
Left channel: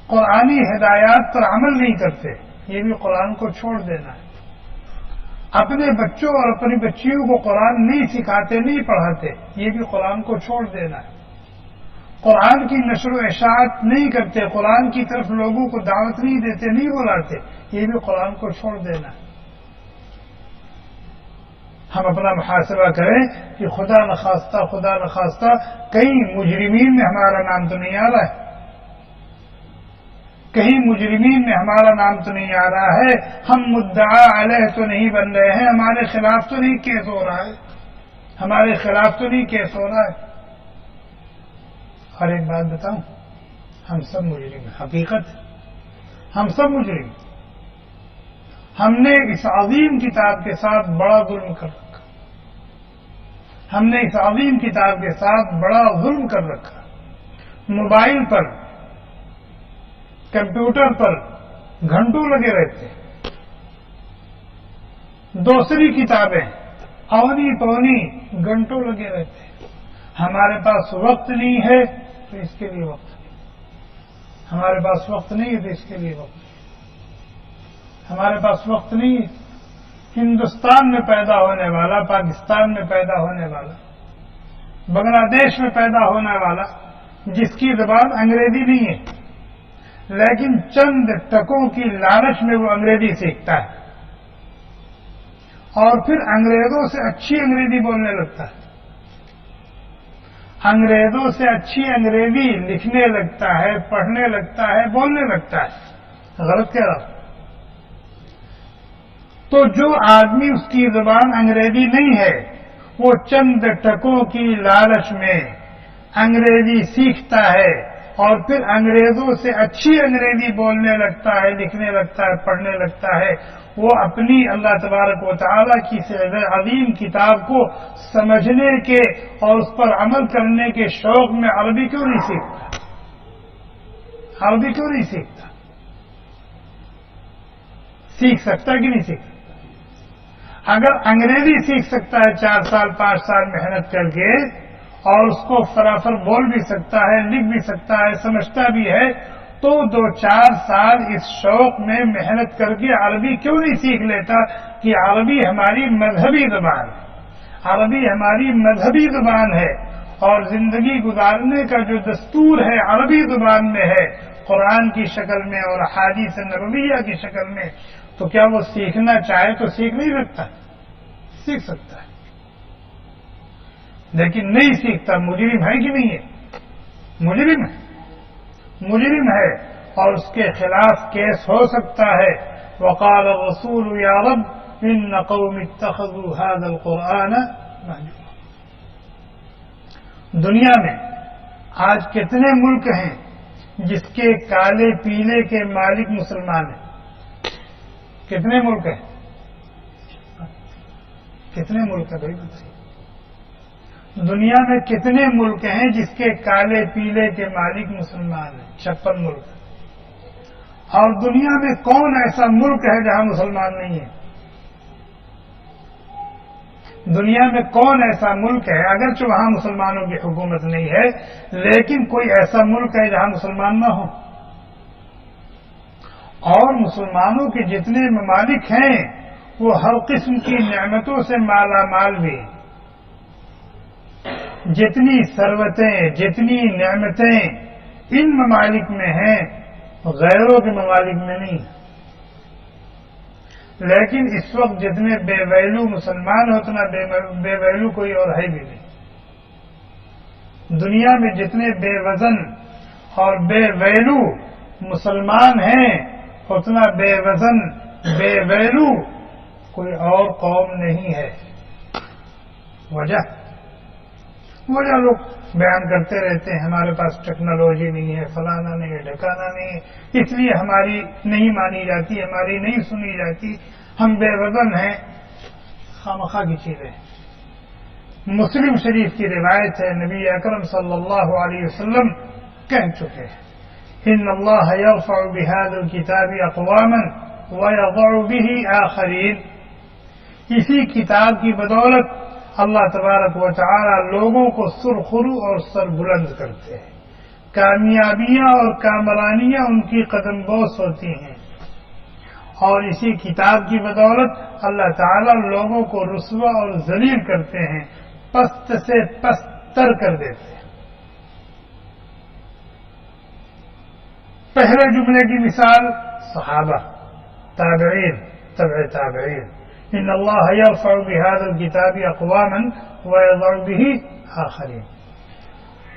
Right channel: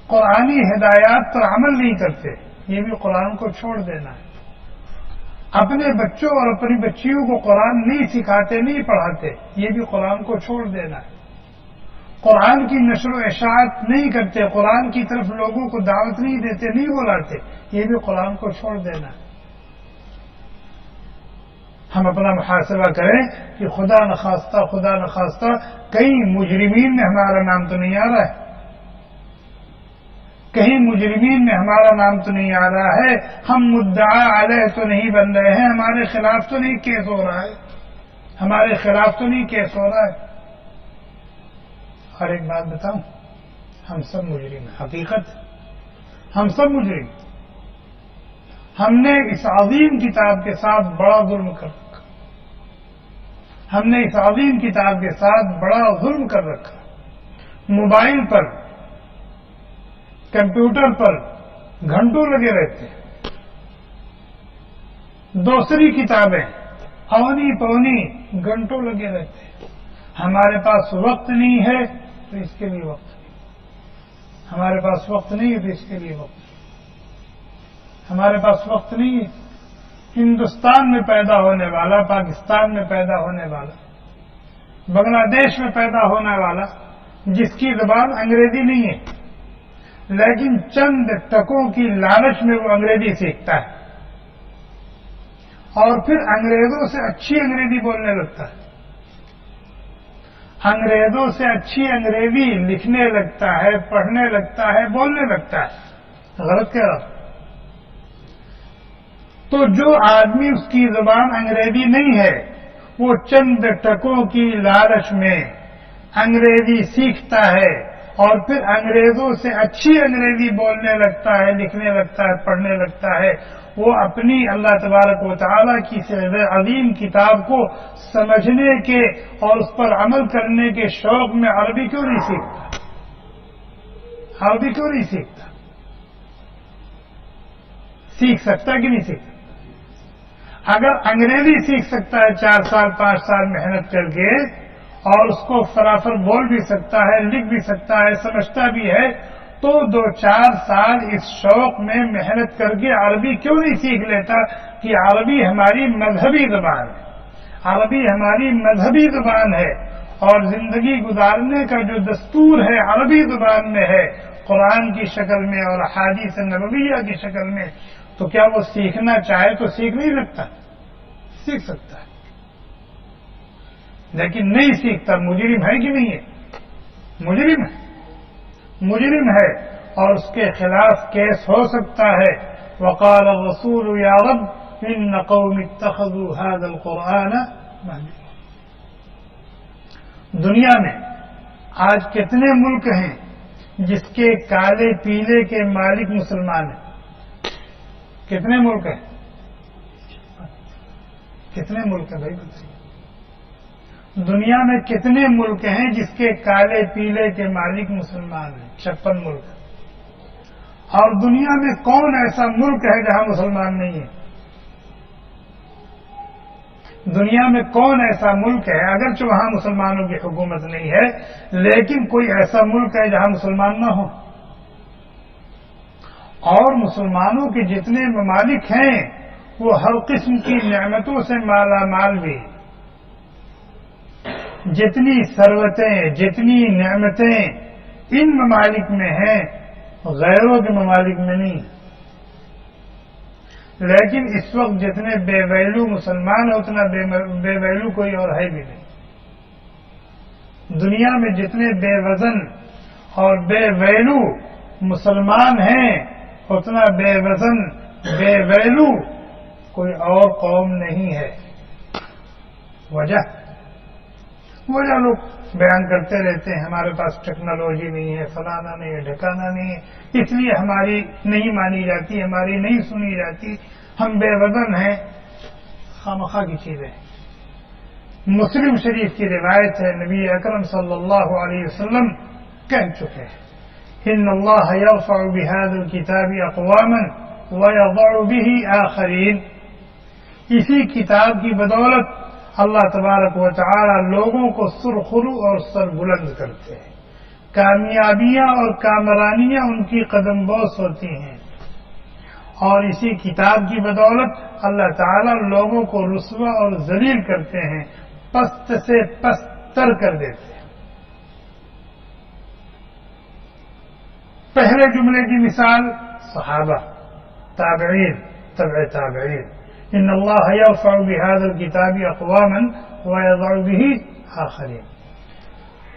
قرآنی ہدایات پر عمل نہیں کرتے، یہ بھی قرآن کو چھوڑ دینا ہے۔ اپنے بچوں اور اپنی بچیوں کو قرآن نہیں سکھاتے، نہیں پڑھاتے، یہ بھی قرآن کو چھوڑ دینا ہے۔ قرآن کی نشر و اشاعت نہیں کرتے، قرآن کی طرف لوگوں کو دعوت نہیں دیتے، نہیں بلاتے، یہ بھی قرآن کو چھوڑ دینا ہے۔ ہم اپنا محاسبہ کریں کہ خدا نخواستہ کہیں مجرمین میں ہمارا نام تو نہیں آ رہا ہے، کہیں مجرمین میں ہمارا نام تو نہیں آ رہا ہے، ہم مدعا علیہ تو نہیں بن رہے ہیں، ہمارے خلاف تو نہیں کیس ہو رہا ہے، ہمارے خلاف تو نہیں کیس ہو رہا ہے۔ اور ایک بات بتاؤں، ہم سب مجرم ہیں، حقیقت ہم سب مجرم۔ ہم نے اس عظیم کتاب کے ساتھ بڑا ظلم کر رکھا، ہم نے اس عظیم کتاب کے ساتھ بڑا ظلم کر رکھا۔ موبائل پر، کمپیوٹر پر گھنٹوں لگے رہتے ہیں، دوسری کتابیں اونی پونی گھنٹوں لگے رہتے ہیں۔ ہمارے پاس وقت نہیں ہے تو اس کے لیے وقت نہیں، ہمارے پاس وقت نہیں ہے تو اس کے لیے وقت نہیں، ہمارے پاس وقت نہیں ہے۔ ہندوستان میں پیدا ہونے والا، پاکستان میں پیدا ہونے والا، بنگلہ دیش میں پیدا ہونے والا، جس کی زبان انگریزی نہیں ہے لیکن چند ٹکوں کی لالچ میں وہ انگریزی سیکھتا ہے اور پھر انگریزوں سے اچھی انگریزی بولنے لگتا ہے، انگریزوں سے اچھی انگریزی لکھنے لگتا ہے، پڑھنے لگتا ہے، بولنے لگتا ہے. غلط کہہ رہا ہوں؟ تو جو آدمی اس کی زبان انگریزی نہیں ہے، وہ چند ٹکوں کی لالچ میں انگریزی سیکھتا ہے اور پھر انگریزوں سے اچھی انگریزی بولنے لگتا ہے، لکھنے لگتا ہے، پڑھنے لگتا ہے. وہ اپنی اللہ تبارک و تعالیٰ کی عظیم کتاب کو سمجھنے کے اور اس پر عمل کرنے کے شوق میں عربی کیوں نہیں سیکھتا؟ عربی کیوں نہیں سیکھتا؟ سیکھ سکتا کہ نہیں سیکھتا؟ اگر انگریزی سیکھ سکتا ہے 4 سال 5 سال محنت کر کے اور اس کو فرافر بول بھی سکتا ہے، لکھ بھی سکتا ہے، سمجھتا بھی ہے، تو 2-4 سال اس شوق میں محنت کر کے عربی کیوں نہیں سیکھ لیتا کہ عربی ہماری مذہبی زبان ہے، عربی ہماری مذہبی زبان ہے اور زندگی گزارنے کا جو دستور ہے عربی زبان میں ہے، قرآن کی شکل میں اور احادیث نبویہ کی شکل میں. تو کیا وہ سیکھنا چاہے تو سیکھ نہیں سکتا؟ سیکھ سکتا ہے، لیکن نہیں سیکھتا. مجرم ہے کہ نہیں ہے؟ مجرم ہے، مجرم ہے اور اس کے خلاف کیس ہو سکتا ہے. وقال الرسول یا رب ان قوم اتخذوا هذا القرآن مهجورا. دنیا میں آج کتنے ملک ہیں جس کے کالے پیلے کے مالک مسلمان ہیں؟ کتنے ملک ہیں؟ کتنے ملک ہیں بھائی بتائیے؟ دنیا میں کتنے ملک ہیں جس کے کالے پیلے کے مالک مسلمان ہیں؟ 56 ملک. اور دنیا میں کون ایسا ملک ہے جہاں مسلمان نہیں ہے؟ دنیا میں کون ایسا ملک ہے اگرچہ وہاں مسلمانوں کی حکومت نہیں ہے لیکن کوئی ایسا ملک ہے جہاں مسلمان نہ ہوں؟ اور مسلمانوں کے جتنے ممالک ہیں وہ ہر قسم کی نعمتوں سے مالا مال بھی ہیں. جتنی ثروتیں، جتنی نعمتیں ان ممالک میں ہیں غیروں کے ممالک میں نہیں. لیکن اس وقت جتنے بے ویلو مسلمان ہیں اتنا بے ویلو کوئی اور ہے بھی نہیں. دنیا میں جتنے بے وزن اور بے ویلو مسلمان ہیں اتنا بے وزن بے ویلو کوئی اور قوم نہیں ہے. وجہ لوگ بیان کرتے رہتے ہیں ہمارے پاس ٹیکنالوجی نہیں ہے، فلانا نہیں ہے، ڈھکانا نہیں ہے، اس لیے ہماری نہیں مانی جاتی، ہماری نہیں سنی جاتی، ہم بے وزن ہیں. خامخواہ کی چیزیں. مسلم شریف کی روایت ہے نبی اکرم صلی اللہ علیہ وسلم کہہ چکے ہیں ان اللہ یرفع بهذا الكتاب اقواما ويضع به آخرین. اسی کتاب کی بدولت اللہ تبارک و تعالی لوگوں کو سرخرو اور سر بلند کرتے ہیں. کامیابیاں اور کامرانیاں ان کی قدم بوس ہوتی ہیں اور اسی کتاب کی بدولت اللہ تعالی لوگوں کو رسوا اور ذلیل کرتے ہیں، پست سے پستر کر دیتے ہیں. پہلے جملے کی مثال صحابہ، تابعین، تبع تابعین. ان اللہ یرفع بهذا الكتاب اقواما ويضع به آخرین.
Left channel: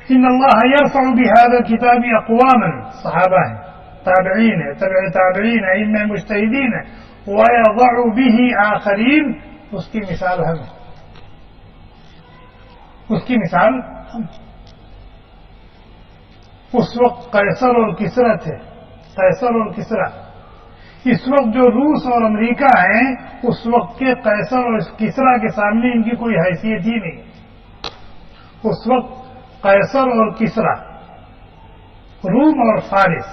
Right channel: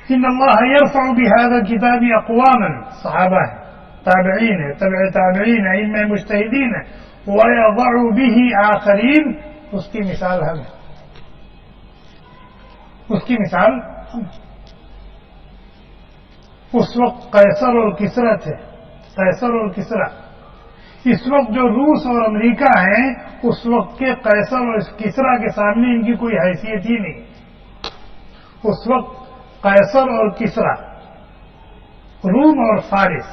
ان اللہ یرفع بهذا الكتاب اقواما، صحابہ ہیں، تابعین ہیں، تبع تابعین ہیں، ائمہ مجتہدین ہیں. ويضع به آخرین، اس کی مثال ہم، اس کی مثال ہم. اس وقت قیصر اور کسرا تھے، قیصر اور کسرا. اس وقت جو روس اور امریکہ ہیں اس وقت کے قیصر اور کسرا کے سامنے ان کی کوئی حیثیت ہی نہیں. اس وقت قیصر اور کسرا، روم اور فارس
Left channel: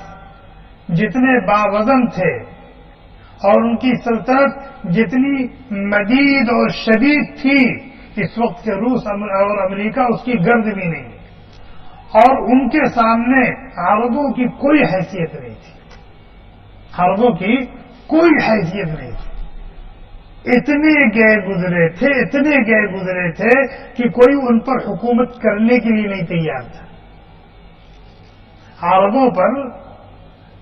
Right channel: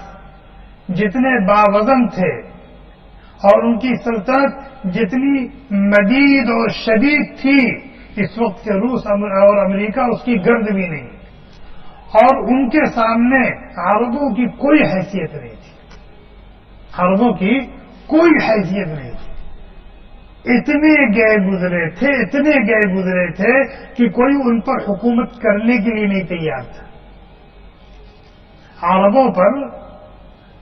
جتنے باوزن تھے اور ان کی سلطنت جتنی مدید اور شدید تھی، اس وقت کے روس اور امریکہ اس کی گرد بھی نہیں. اور ان کے سامنے عربوں کی کوئی حیثیت نہیں تھی، عربوں کی کوئی حیثیت نہیں تھی. اتنے گئے گزرے تھے، اتنے گئے گزرے تھے کہ کوئی ان پر حکومت کرنے کے لیے نہیں تیار تھا. عربوں پر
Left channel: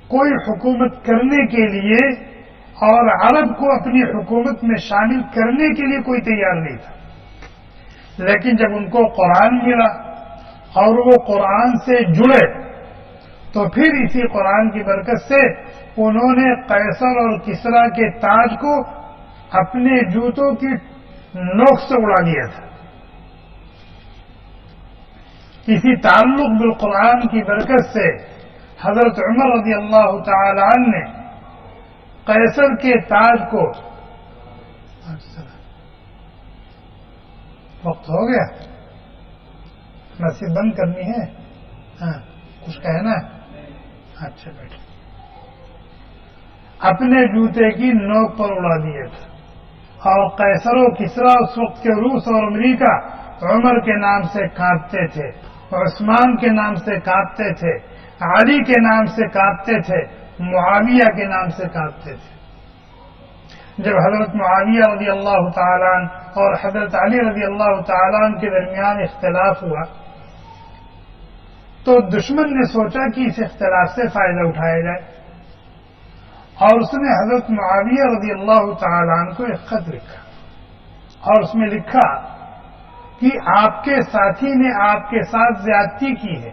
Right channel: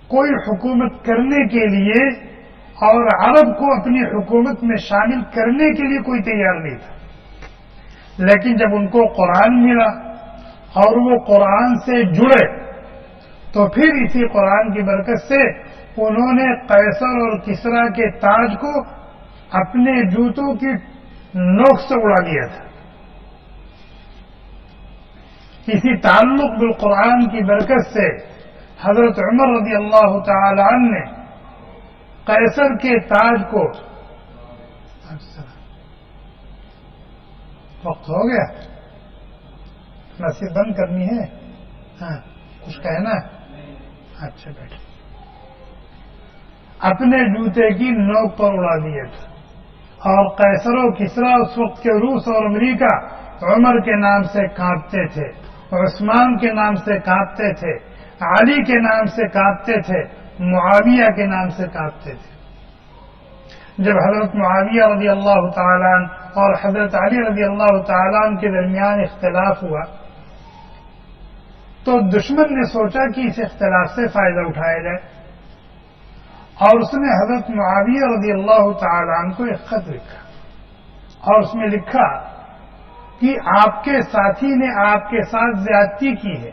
کوئی حکومت کرنے کے لیے اور عرب کو اپنی حکومت میں شامل کرنے کے لیے کوئی تیار نہیں تھا. لیکن جب ان کو قرآن ملا اور وہ قرآن سے جڑے تو پھر اسی قرآن کی برکت سے انہوں نے قیصر اور کسریٰ کے تاج کو اپنے جوتوں کی نوک سے اڑا دیا تھا. اسی تعلق بالقرآن کی برکت سے حضرت عمر رضی اللہ تعالی عنہ نے قیصر کے تاج کو وقت ہو گیا، مسجد بند کرنی ہے؟ ہاں کچھ کہنا ہے؟ اچھا بیٹھو. اپنے جوتے کی نوک پر اڑا دیا تھا. اور قیصر و کسریٰ اس وقت کے روس اور امریکہ عمر کے نام سے کانپتے تھے، عثمان کے نام سے کانپتے تھے، علی کے نام سے کانپتے تھے، معاویہ کے نام سے کانپتے تھے. جب حضرت معاویہ رضی اللہ تعالیٰ عنہ اور حضرت علی رضی اللہ تعالیٰ عنہ کے درمیان اختلاف ہوا تو دشمن نے سوچا کہ اس اختلاف سے فائدہ اٹھایا جائے، اور اس نے حضرت معاویہ رضی اللہ تعالیٰ عنہ کو ایک خط لکھا اور اس میں لکھا کہ آپ کے ساتھی نے آپ کے ساتھ زیادتی کی ہے،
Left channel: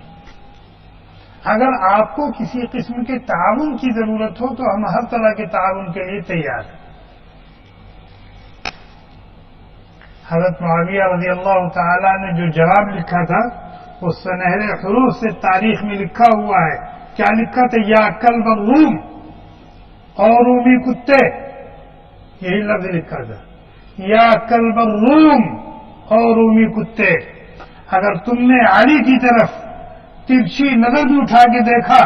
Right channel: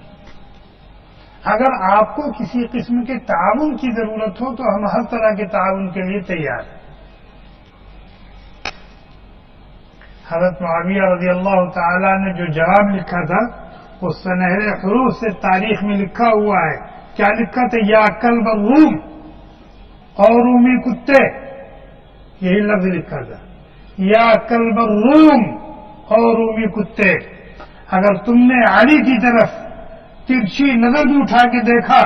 اگر آپ کو کسی قسم کے تعاون کی ضرورت ہو تو ہم ہر طرح کے تعاون کے لیے تیار ہیں. حضرت معاویہ رضی اللہ تعالیٰ نے جو جواب لکھا تھا وہ سنہرے حروف سے تاریخ میں لکھا ہوا ہے. کیا لکھا تھا؟ یا کلب الروم، اور رومی کتے، یہی لفظ لکھا تھا. یا کلب الروم اور رومی کتے، اگر تم نے علی کی طرف ترچھی نظر بھی اٹھا کے دیکھا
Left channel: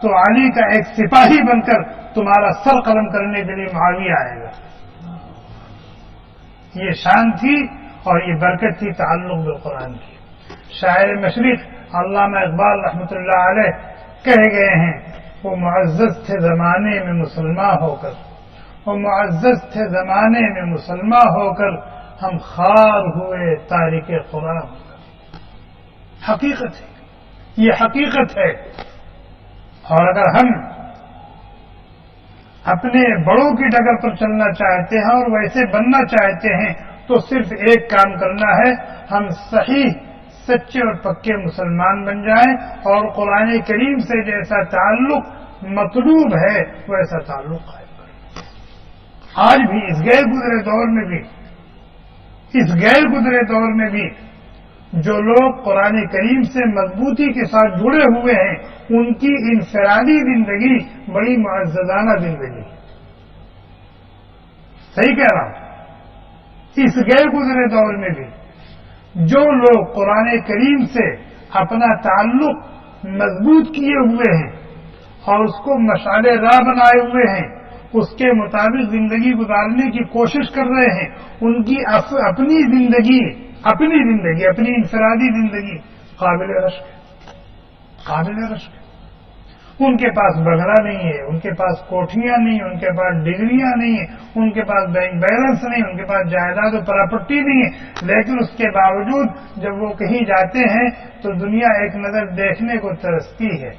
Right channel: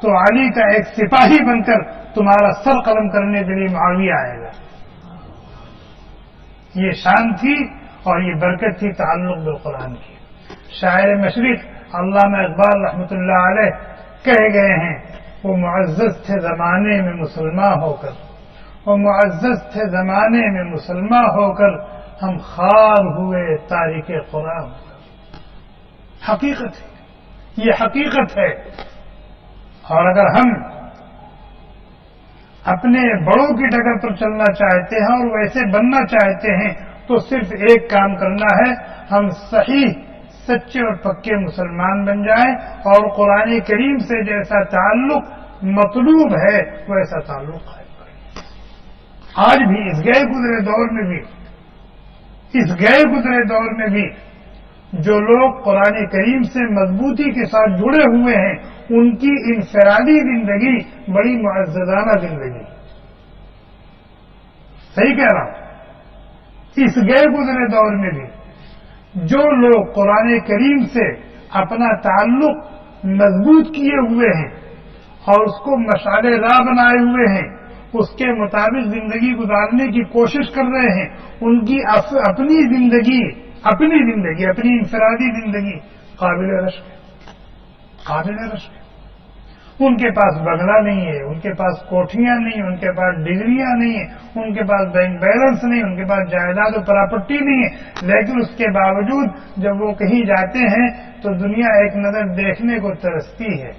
تو علی کا ایک سپاہی بن کر تمہارا سر قلم کرنے کے لیے معاویہ آئے گا. یہ شان تھی اور یہ برکت تھی تعلق بالقرآن کی. شاعر مشرق علامہ اقبال رحمۃ اللہ علیہ کہہ گئے ہیں وہ معزز تھے زمانے میں مسلمان ہو کر، وہ معزز تھے زمانے میں مسلمان ہو کر، ہم خوار ہوئے تارک قرآن. حقیقت ہے، یہ حقیقت ہے. اور اگر ہم اپنے بڑوں کی ڈگر پر چلنا چاہتے ہیں اور ویسے بننا چاہتے ہیں تو صرف ایک کام کرنا ہے، ہم صحیح سچے اور پکے مسلمان بن جائیں اور قرآن کریم سے جیسا تعلق مطلوب ہے ویسا تعلق قائم کریں. آج بھی اس گئے گزرے دور میں بھی جو لوگ قرآن کریم سے مضبوطی کے ساتھ جڑے ہوئے ہیں ان کی انفرادی زندگی بڑی معززانہ زندگی. صحیح کہہ رہا ہوں. اس گئے گزرے دور میں بھی جو لوگ قرآن کریم سے اپنا تعلق مضبوط کیے ہوئے ہیں اور اس کو مشعل راہ بنائے ہوئے ہیں، اس کے مطابق زندگی گزارنے کی کوشش کر رہے ہیں، ان کی اپنی زندگی اپنی انفرادی زندگی قابل رشک ہے. ان کے پاس بنگلہ نہیں ہے، ان کے پاس کوٹھیاں نہیں، ان کے پاس ڈگریاں نہیں ہیں، ان کے پاس بینک بیلنس نہیں، ان کے پاس جائیداد و پراپرٹی نہیں ہے، لیکن اس کے باوجود جب وہ کہیں جاتے ہیں تو دنیا ایک نظر دیکھنے کو ترستی ہے.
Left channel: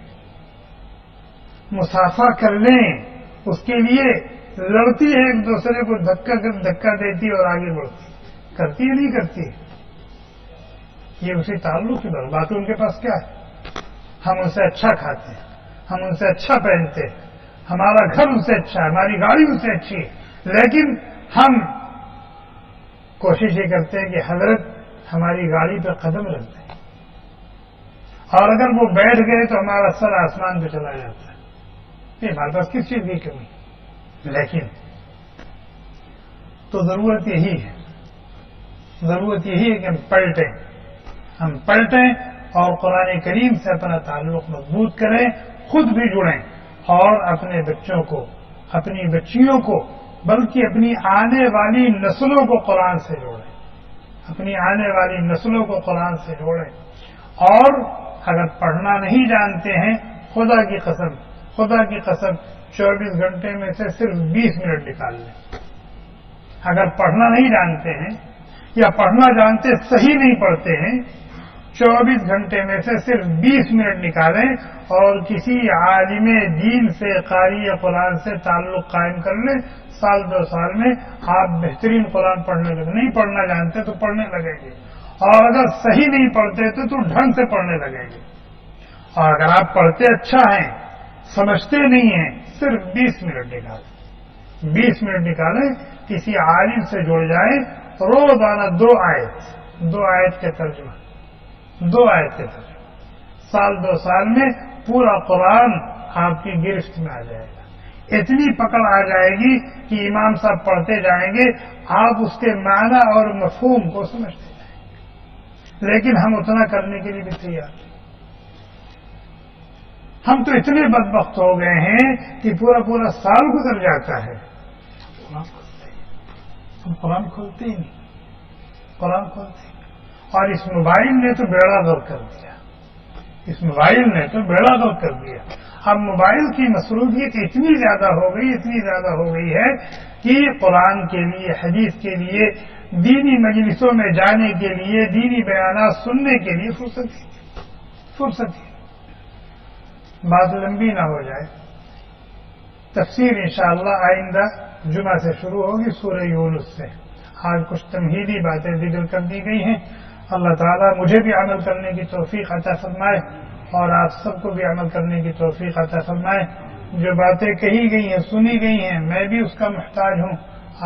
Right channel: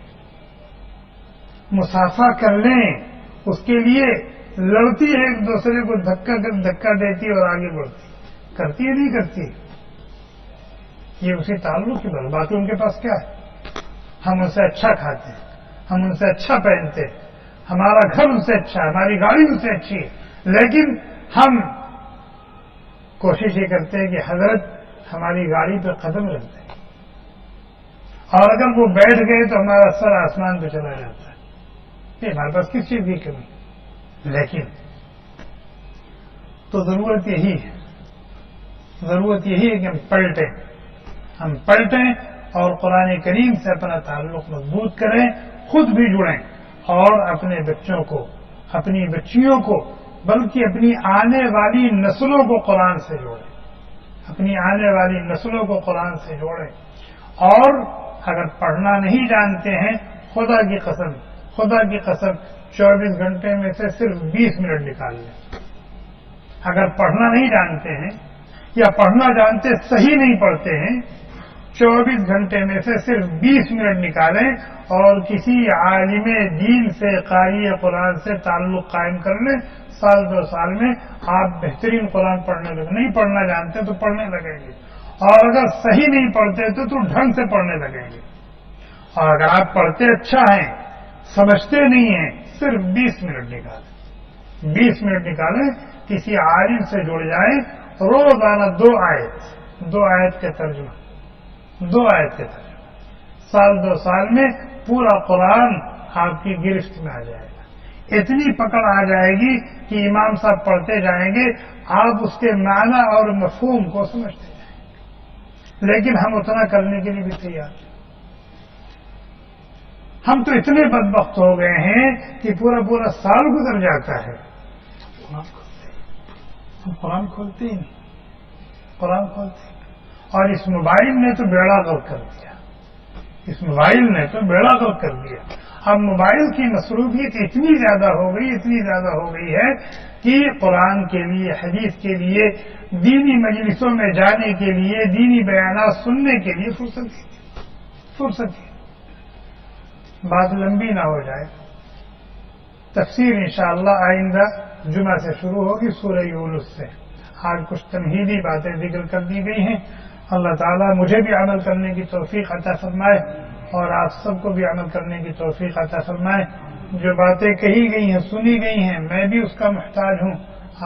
مسافہ کر لیں اس کے لیے لڑتی ہے، ایک دوسرے کو دھکا دیتی اور آگے بڑھتی، کرتی ہے نہیں کرتی. یہ اسی تعلق کی بات. باقی ان کے پاس کیا ہے؟ ہم ان سے اچھا کھاتے ہیں، ہم ان سے اچھا پہنتے ہیں، ہمارا گھر ان سے اچھا ہے، ہماری گاڑی ان سے اچھی ہے، لیکن ہم کوشش یہ کرتے ہیں کہ حضرت ہماری گاڑی پہ قدم رکھ دیں، اور اگر وہ بیٹھ گئے تو ہمارا سر آسمان پہ چلا جاتا ہے. یہ ہمارے پاس کس چیز کی کمی؟ لیکن تو ضرورت یہی ہے کہ ہم پلٹیں اور قرآن کریم سے اپنا تعلق مضبوط کریں، خود بھی جڑیں اور اپنے بچوں کو، اپنی بچیوں کو، بلکہ اپنی آنے والی نسلوں کو قرآن سے جوڑیں. اور اگر پڑھنا نہیں جانتے ہیں، خدا کی قسم 24 گھنٹے میں سے صرف 20 منٹ نکال لیں. اگر پڑھنا نہیں جانتے ہیں یا پڑھنا جانتے صحیح نہیں پڑھتے ہیں، 24 گھنٹے میں سے صرف 20 منٹ نکالیں اور کسی عالم دین سے، قاری قرآن سے تعلق قائم کر لیں. سال 2 سال میں آپ بہترین قرآن پڑھنے لگیں. نہیں پڑھنا جانتے تو پڑھنے لگیں گے. اور اگر صحیح نہیں پڑھتے تو ڈھنگ سے پڑھنے لگیں گے. اور اگر آپ پڑھتے اچھا ہیں سمجھتے نہیں ہیں صرف 20 منٹ نکالیں 20 منٹ نکالیں کسی عالم سے جڑ جائیں روزانہ 2 آیت کے ترجمہ 2 آیت کے ترجمہ سال 2 سال میں پورا قرآن آپ کی گرفت میں آ جائے گا. اتنی پکڑ آ جائے گی کہ امام صاحب پڑھتے جائیں گے آپ اس کے معنی اور مفہوم کو سمجھتے جائیں گے. لیکن ہم اتنا کرنے کے لیے بھی تیار ہیں. ہم تو اتنے بدبخت ہو گئے ہیں کہ پورا سال گزر جاتا ہے ہم قرآن کھولتے ہی نہیں اور اس موبائل نے تو بیڑا غرق کر دیا. اس موبائل نے تو بیڑا غرق کر دیا. اب موبائل کی مصروفیت اتنی زیادہ ہو گئی ہے کہ قرآن کے لیے حدیث کے لیے دینی مجلسوں میں جانے کے لیے دینی بیانات سننے کے لیے فرصت ہی بات لمبی نہ ہو جائے. تفسیر انشاءاللہ آئندہ جمعہ سے شروع ہوگی سورہ یونس سے. آج کچھ تمہیدی باتیں ذکر کر دی گئی ہیں. اللہ تعالیٰ مجھے بھی عمل کرنے کی توفیق عطا فرمائے اور آپ سب کو بھی عمل کرنے کی توفیق عطا فرمائے. جو باتیں کہی گئی ہیں سنی گئی ہیں میں بھی اس کا محتاج ہوں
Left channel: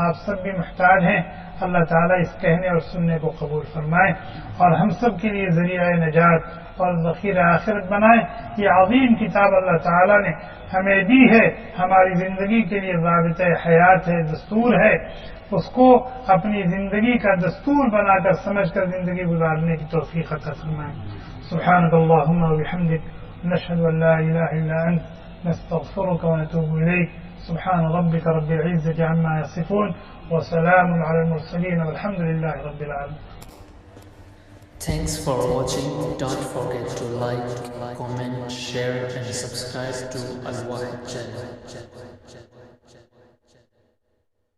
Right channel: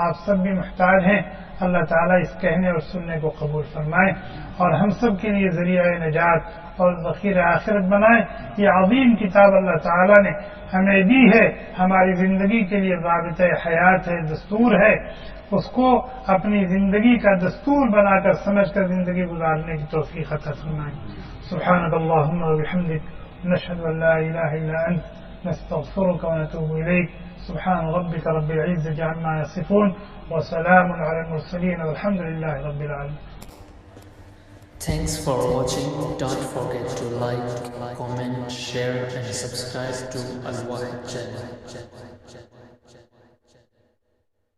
آپ سب بھی محتاج ہیں. اللہ تعالیٰ اس کہنے اور سننے کو قبول فرمائے اور ہم سب کے لیے ذریعہ نجات اور ذخیر آخرت بنائے. یہ عظیم کتاب اللہ تعالیٰ نے ہمیں دی ہے ہماری زندگی کے لیے ضابطۂ حیات ہے دستور ہے. اس کو اپنی زندگی کا دستور بنا کر سمجھ کر زندگی گزارنے کی توفیق عطا فرمائے. سبحانک اللہم و بحمدک نشہد ان لا الہ الا انت نستغفرک و نتوب الیک. سبحان ربک رب العزۃ عما یصفون وسلام علی المرسلین والحمد للہ رب العالمین. Thanks for watching. Don't forget to like, comment, share and subscribe to Al Wahid channel.